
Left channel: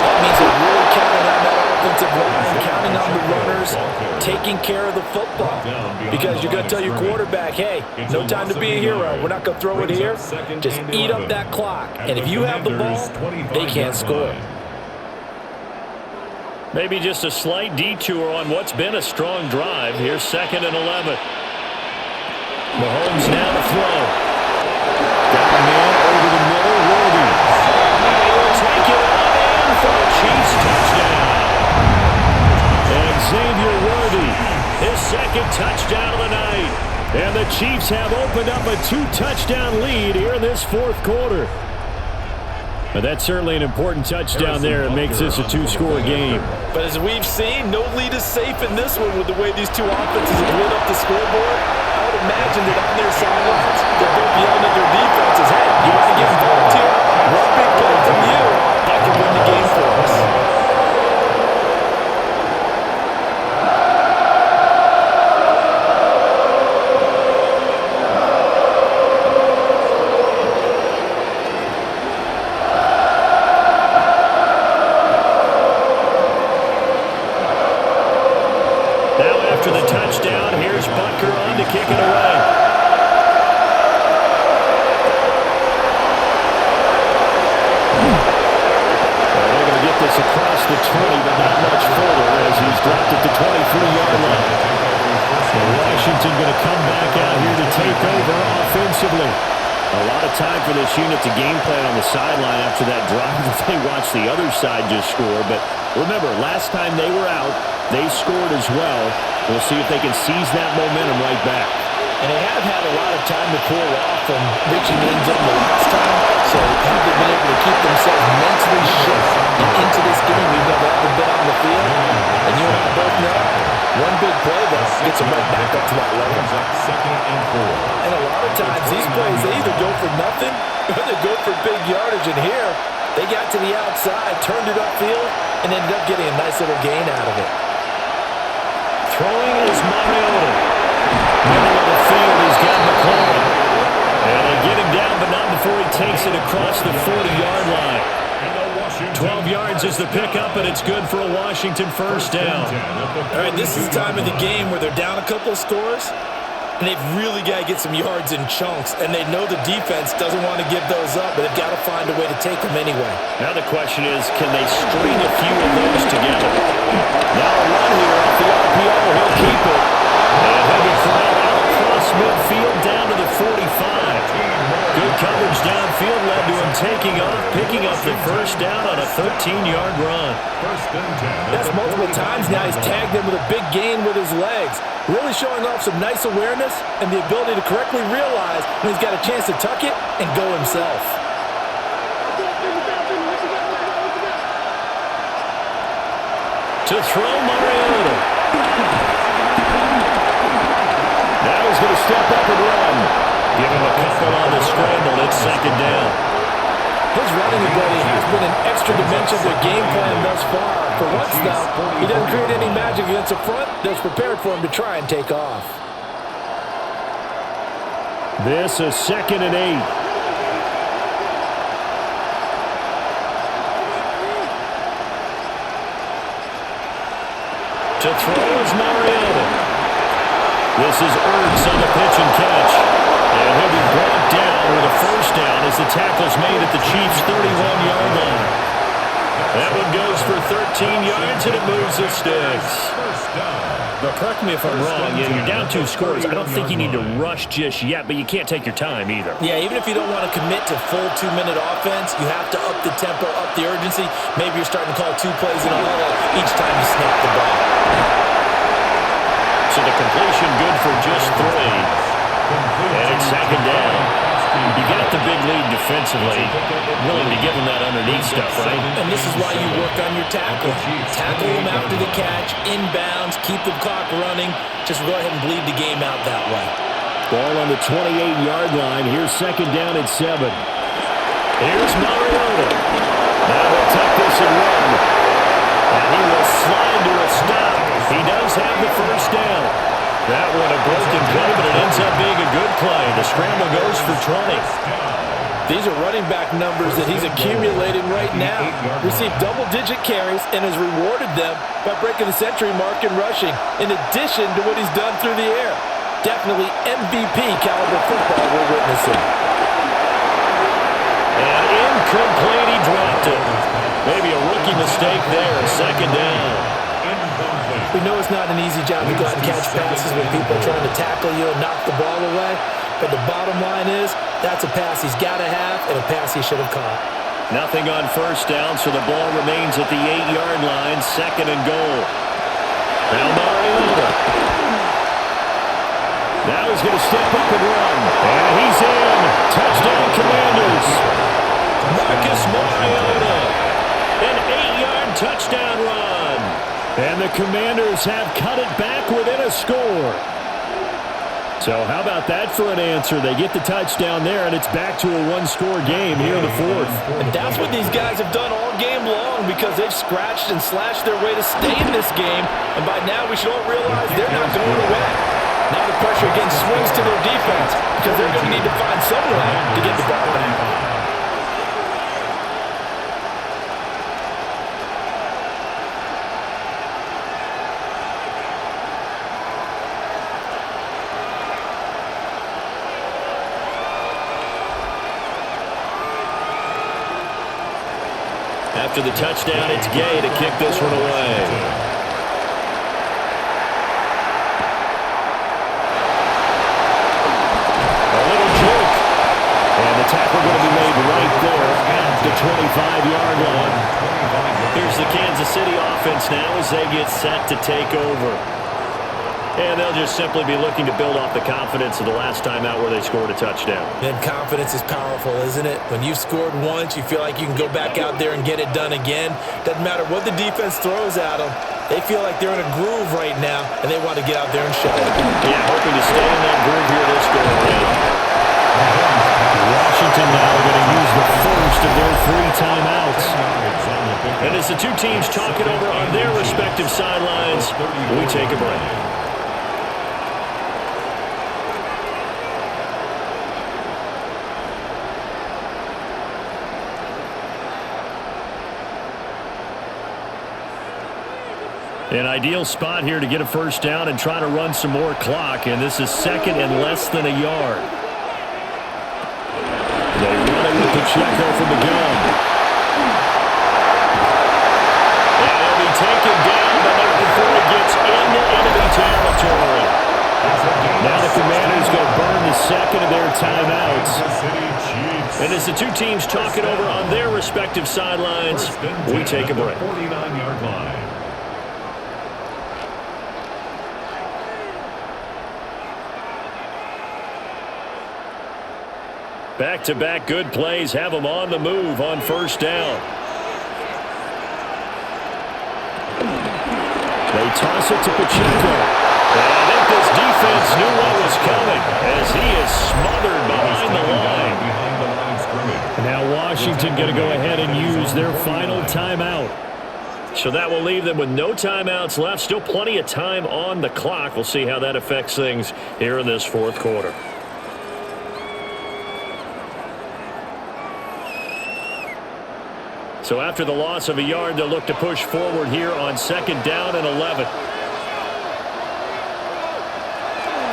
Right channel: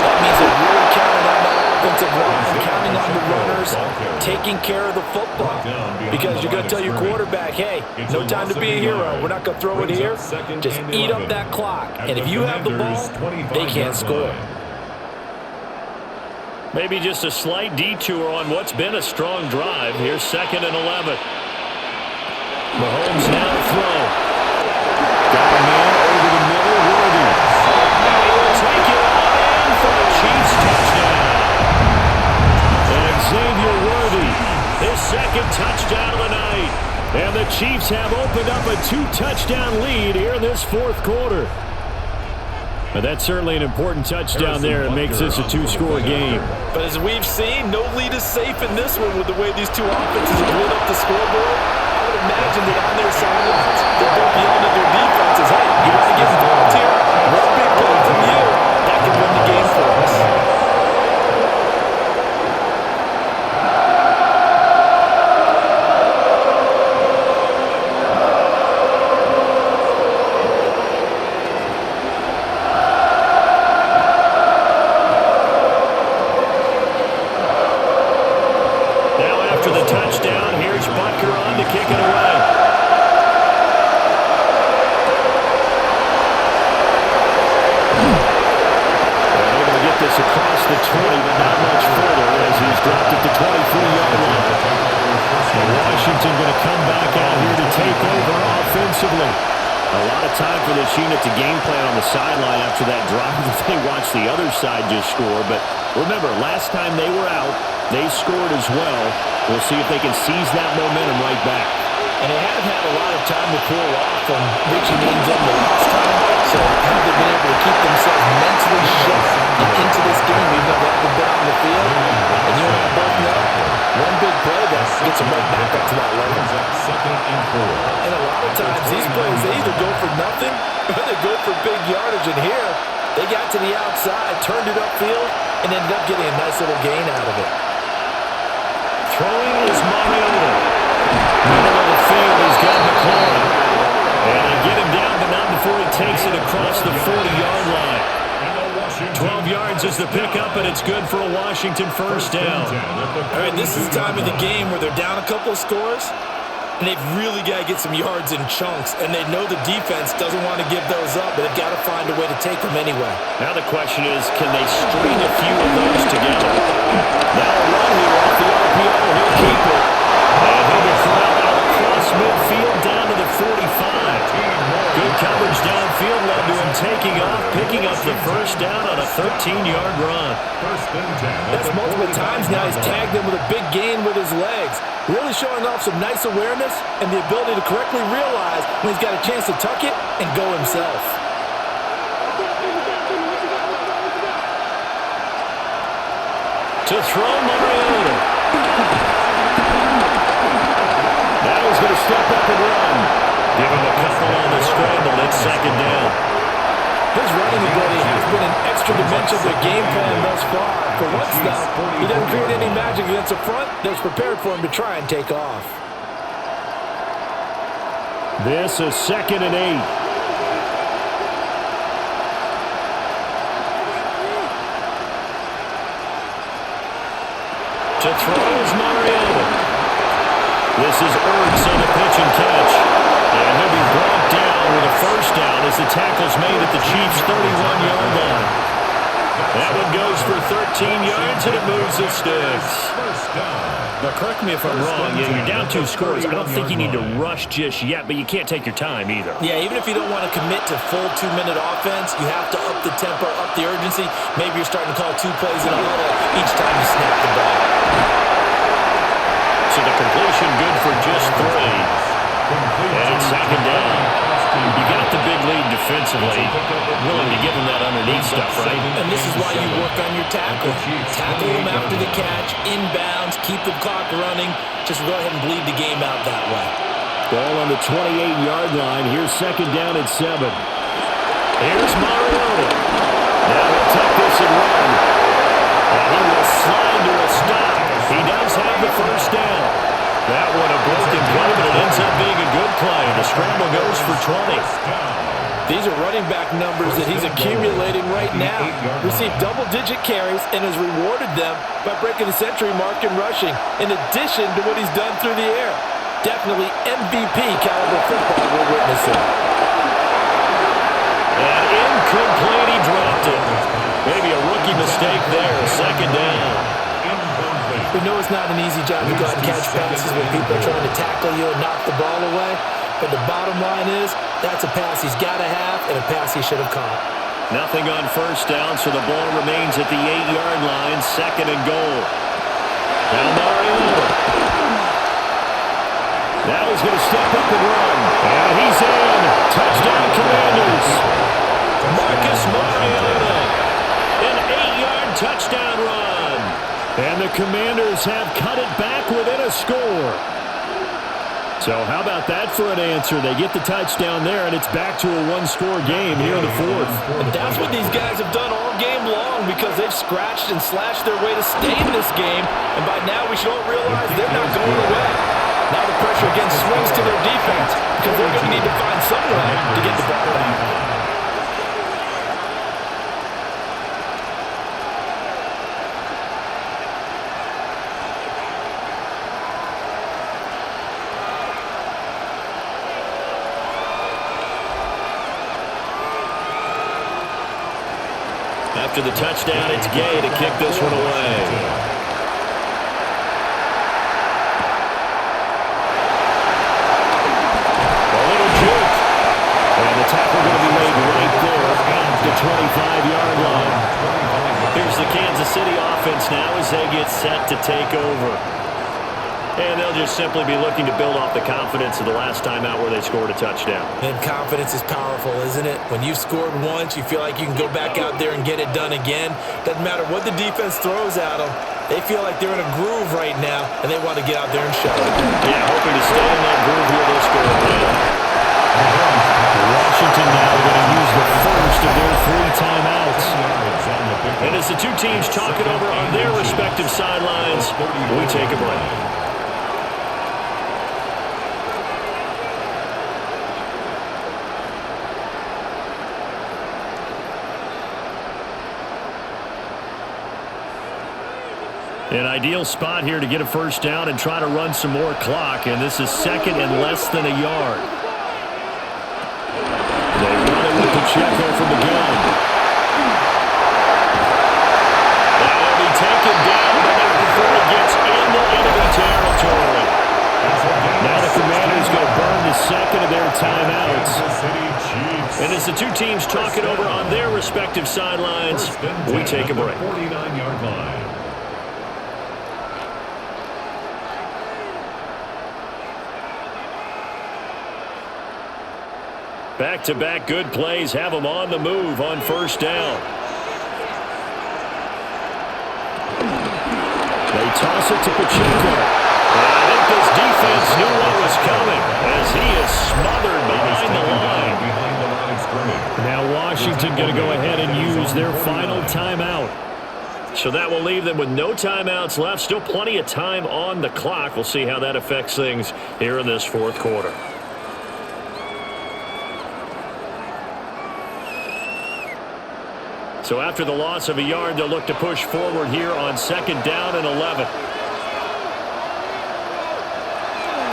That means they're really counting on that offensive line, counting on the runners, taking care of the football. Because you're going to tell your quarterback, hey, no time to be a hero. We're not going to throw it here. Just eat up that clock. And if you have the ball, they can't score. Maybe just a slight detour on what's been a strong drive. Here's 2nd and 11. Mahomes now to throw. Got a man over the middle, Worthy. Now he will take it on in for a Chiefs touchdown. And Xavier Worthy, his 2nd touchdown of the night. And the Chiefs have opened up a 2-touchdown lead here in this 4th quarter. But that's certainly an important touchdown there. It makes this a 2-score game. But as we've seen, no lead is safe in this one with the way these two offenses have lit up the scoreboard. I would imagine that on their sidelines, they're both yelling at their defenses, hey, you want to get involved here? One big play from you, that could win the game for us. After the touchdown, here's Butker on to kick it away. And able to get this across the 20, but not much further as he's dropped it to 23-yard line. And Washington going to come back out here to take over offensively. A lot of time for this unit to game plan on the sideline after that drive that they watched the other side just score. But remember, last time they were out, they scored as well. We'll see if they can seize that momentum right back. And they have had a lot of time to cool off from reaching the end zone the last time. So have they been able to keep themselves mentally sharp and into this game even though they haven't been on the field? And you and I both know, one big play, though, gets them right back up to that level. And a lot of times these plays, they either go for nothing or they go for big yardage. And here, they got to the outside, turned it upfield, and ended up getting a nice little gain out of it. Throwing is Mariota. Middle of the field, he's got McLaurin. And they get him down, but not before he takes it across the 40-yard line. 12 yards is the pickup, and it's good for a Washington first down. All right, this is the time of the game where they're down a couple of scores, and they've really got to get some yards in chunks, and they know the defense doesn't want to give those up, but they've got to find a way to take them anyway. Now the question is, can they string a few of those together? Now a run here off the RPO. He'll keep it, and he'll be the 45. Good coverage downfield led to him taking off, picking up the first down on a 13-yard run. That's multiple times now he's tagged him with a big gain with his legs. Really showing off some nice awareness and the ability to correctly realize when he's got a chance to tuck it and go himself. To throw, Mariota. Now he's going to step up and run. Give him a couple on the scramble. It's second down. His running ability has been an extra dimension of their game plan thus far. For once, though, he doesn't create any magic against the front that's prepared for him to try and take off. This is 2nd and 8. To throw is Mariota. This is Ertz on the pitch and catch. And he'll be brought down with a first down as the tackle's made at the Chiefs' 31-yard line. That one goes for 13 yards, and it moves the sticks. But correct me if I'm wrong, you're down 2 scores. I don't think you need to rush just yet, but you can't take your time either. Yeah, even if you don't want to commit to full 2-minute offense, you have to up the tempo, up the urgency. Maybe you're starting to call 2 plays in a huddle each time you snap the ball. So the completion good for just 3. And it's second down. You got the big lead defensively. Willing to give him that underneath stuff, right? And this is why you work on your tackling. Tackle them after the catch, inbounds, keep the clock running. Just go ahead and bleed the game out that way. Ball on the 28-yard line. Here's second down at 7. Here's Mariota. Now he'll tuck this and run. And he will slide to a stop. He does have the first down. That one a broken play, but it ends up being a good play. The scramble goes for 20. These are running back numbers that he's accumulating right now. Received double-digit carries and has rewarded them by breaking the century mark in rushing, in addition to what he's done through the air. Definitely MVP caliber football we're witnessing. And incomplete, he dropped it. Maybe a rookie mistake there, second down. We know it's not an easy job to go out and catch passes when people are trying to tackle you and knock the ball away. But the bottom line is, that's a pass he's got to have and a pass he should have caught. Nothing on first down, so the ball remains at the 8-yard line, 2nd and goal. Now Mariota. Now he's going to step up and run. And he's in. Touchdown, Commanders. Marcus Mariota. An 8-yard touchdown run. And the Commanders have cut it back within a score. So how about that for an answer? They get the touchdown there, and it's back to a 1-score game here in the 4th. And that's what these guys have done all game long because they've scratched and slashed their way to stay in this game. And by now we should all realize they're not going away. Now the pressure again swings to their defense because they're going to need to find some way to get the ball back. After the touchdown, it's Gay to kick this one away. A little juke. And the tackle going to be made right there at the 25-yard line. Here's the Kansas City offense now as they get set to take over. And they'll just simply be looking to build off the confidence of the last time out where they scored a touchdown. And confidence is powerful, isn't it? When you've scored once, you feel like you can go back out there and get it done again. Doesn't matter what the defense throws at them. They feel like they're in a groove right now, and they want to get out there and show it. Yeah, hoping to stay in that groove here this go-around. Washington now going to use the first of their 3 timeouts. And as the two teams talk it over on their respective sidelines, we take a break. An ideal spot here to get a first down and try to run some more clock, and this is 2nd and less than a yard. They run it with Pacheco from the gun. And he'll be taken down, but not before he gets into enemy territory. Now the Commanders going to burn the second of their timeouts. And as the two teams talk it over on their respective sidelines, we take a break. 49-yard line. Back-to-back good plays have them on the move on first down. They toss it to Pacheco. And I think this defense knew what was coming as he is smothered behind the line. And now Washington going to go ahead and use their final timeout. So that will leave them with no timeouts left. Still plenty of time on the clock. We'll see how that affects things here in this fourth quarter. So after the loss of a yard, they'll look to push forward here on second down and 11.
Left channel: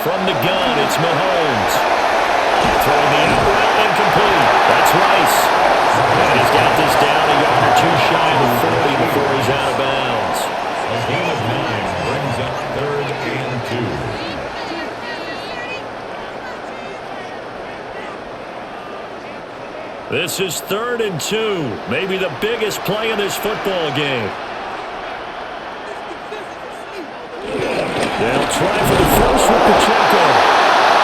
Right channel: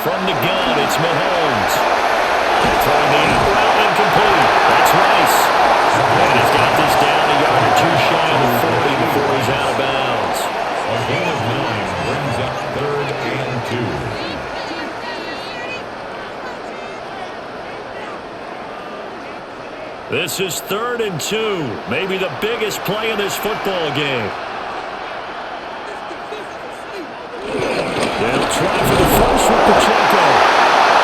From the gun, it's Mahomes. Throwing the out route incomplete. That's Rice. And he's got this down a yard or two shy of the 40 before he's out of bounds. A gain of 9 brings up 3rd and 2. This is 3rd and 2. Maybe the biggest play in this football game. They'll try for the first with Pacheco.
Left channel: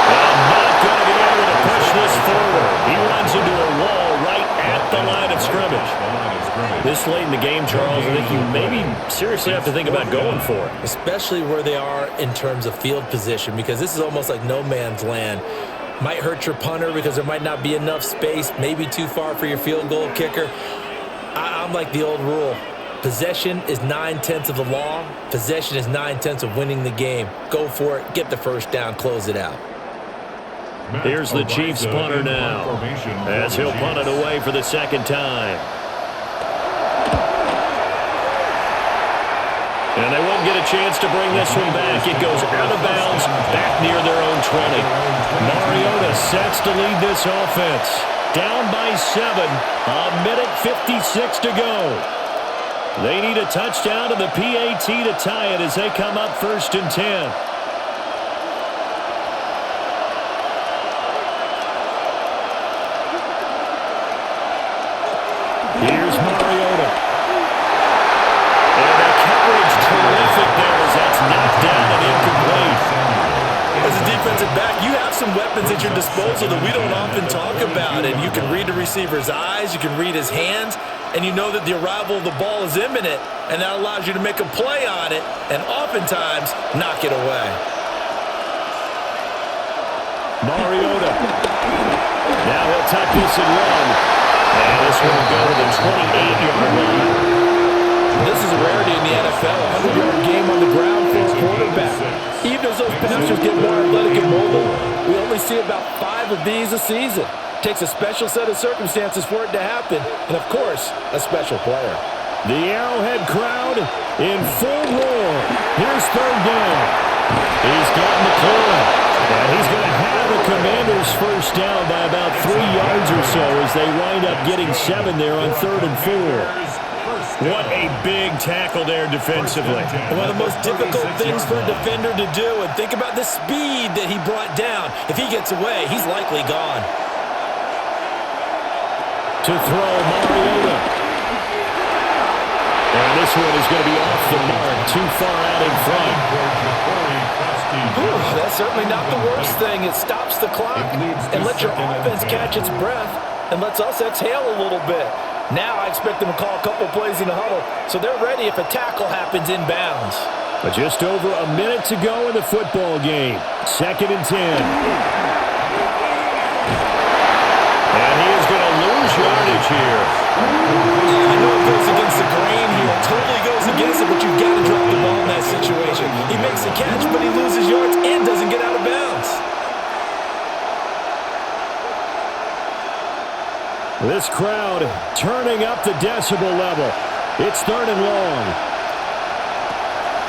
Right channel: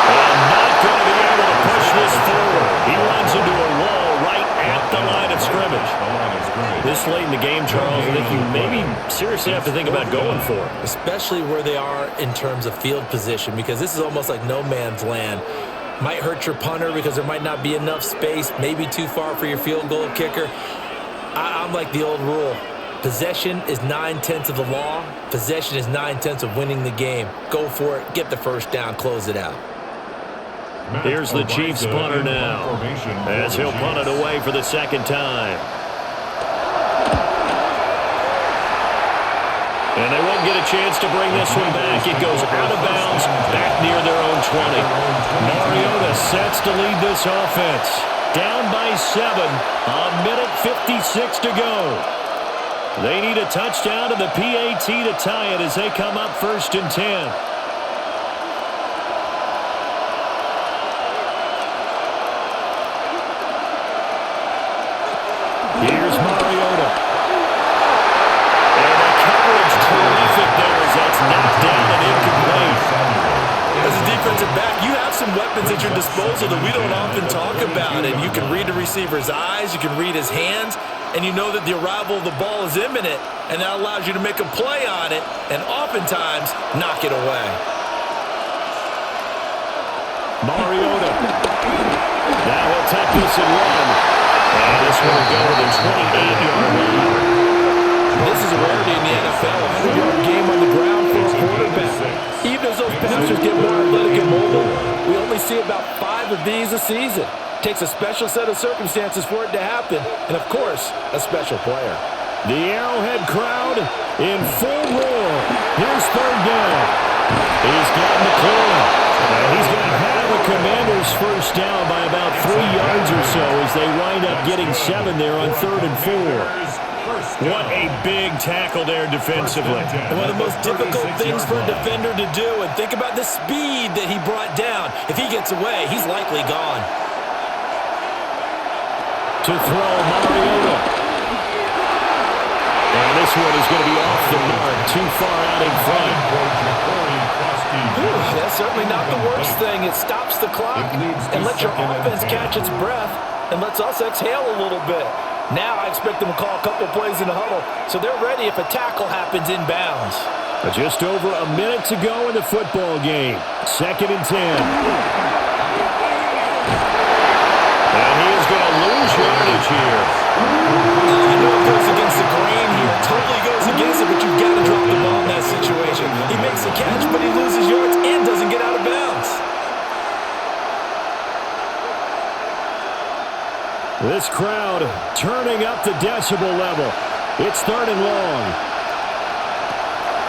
And not going to be able to push this forward. He runs into a wall right at the line of scrimmage. This late in the game, Charles, I think you maybe seriously have to think about going for it. Especially where they are in terms of field position, because this is almost like no man's land. Might hurt your punter because there might not be enough space, maybe too far for your field goal kicker. I'm like the old rule. Possession is 9/10 of the law. Possession is 9/10 of winning the game. Go for it. Get the first down. Close it out. Here's the Chiefs punter now, as he'll punt it away for the second time. And they won't get a chance to bring this one back. It goes out of bounds, back near their own 20. Mariota sets to lead this offense. Down by 7, 1:56 to go. They need a touchdown to the PAT to tie it as they come up 1st and 10. Here's Mariota. And the coverage terrific there as that's knocked down and incomplete. As a defensive back, you have some weapons at your disposal that we don't often talk about. And you can read the receiver's eyes, you can read his hands, and you know that the arrival of the ball is imminent, and that allows you to make a play on it and oftentimes knock it away. Mariota. Now he'll tuck this and run. And this one will go to the 28-yard line. This is a rarity in the NFL, a 100-yard game on the ground for a quarterback. Even as those passers get more athletic and mobile, we only see about 5 of these a season. Takes a special set of circumstances for it to happen, and of course, a special player. The Arrowhead crowd in full roar. Here's 3rd down. He's got McLaurin, and he's going to have a Commander's first down by about 3 yards or so as they wind up getting 7 there on 3rd and 4. What a big tackle there defensively. And one of the most difficult things for a defender to do, and think about the speed that he brought down. If he gets away, he's likely gone. To throw, Mariota. And this one is going to be off the mark, too far out in front. Ooh, that's certainly not the worst thing. It stops the clock and lets your offense catch its breath and lets us exhale a little bit. Now I expect them to call a couple plays in the huddle, so they're ready if a tackle happens inbounds. But just over a minute to go in the football game. 2nd and 10. And he is going to lose yardage here. Oh, I know it goes against the grain here. It totally goes against it, but you've got to drop the ball in that situation. He makes the catch, but he loses yards and doesn't get out of bounds. This crowd turning up the decibel level. It's 3rd and long.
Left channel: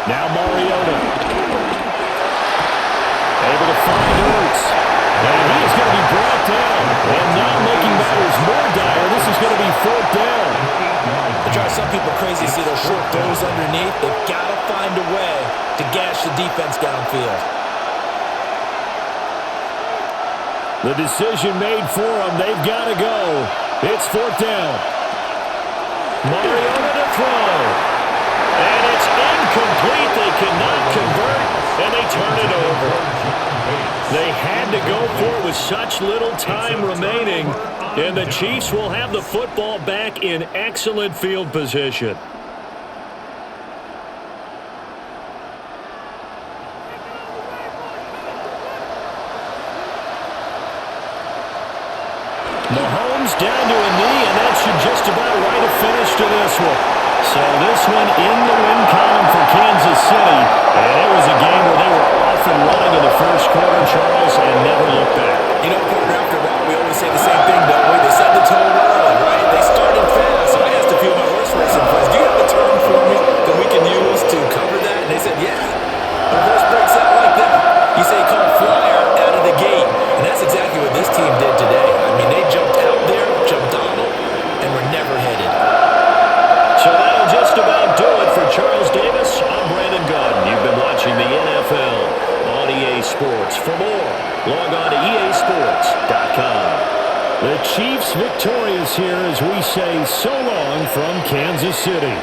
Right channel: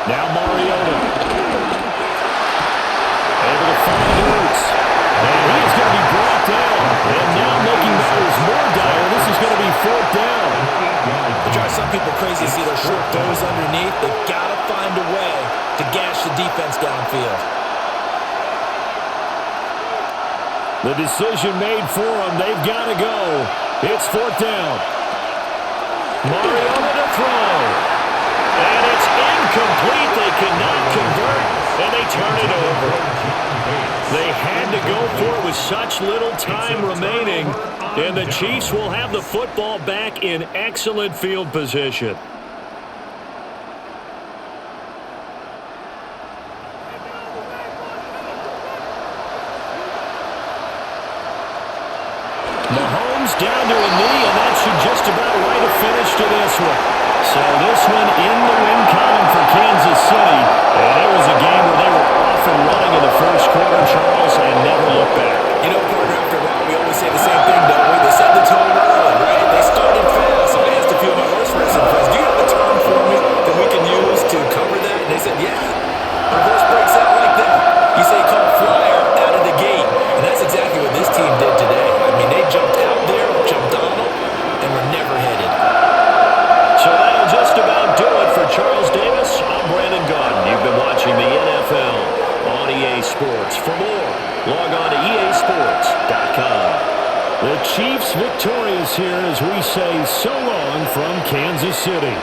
Now Mariota. Able to find Ertz. And he is going to be brought down. And now making matters more dire, this is going to be 4th down. It drives some people crazy to see those short throws underneath. They've got to find a way to gash the defense downfield. The decision made for them. They've got to go. It's 4th down. Mariota to throw. And it's incomplete. They cannot convert, and they turn it over. They had to go for it with such little time remaining, and the Chiefs will have the football back in excellent field position. Mahomes down to a knee, and that should just about write a finish to this one. So this one in the win column for Kansas City, and it was a game where they were off and running in the first quarter, Charles, and never looked back. You know, partner, after a while, we always say the same thing, don't we? They set the tone early, right? They started fast. So I asked a few of my horse racing friends, do you have a term for me that we can use to cover that? And they said, yeah. When a horse breaks out like that, you say call a flyer out of the gate. And that's exactly what this team did today. I mean, they jumped out there, jumped on them, and were never headed. So that'll just about do it for Charles Davis. I'm Brandon Gaudin. You've been watching the NFL on EA Sports. For more, log on to easports.com. The Chiefs victorious here as we say so long from Kansas City.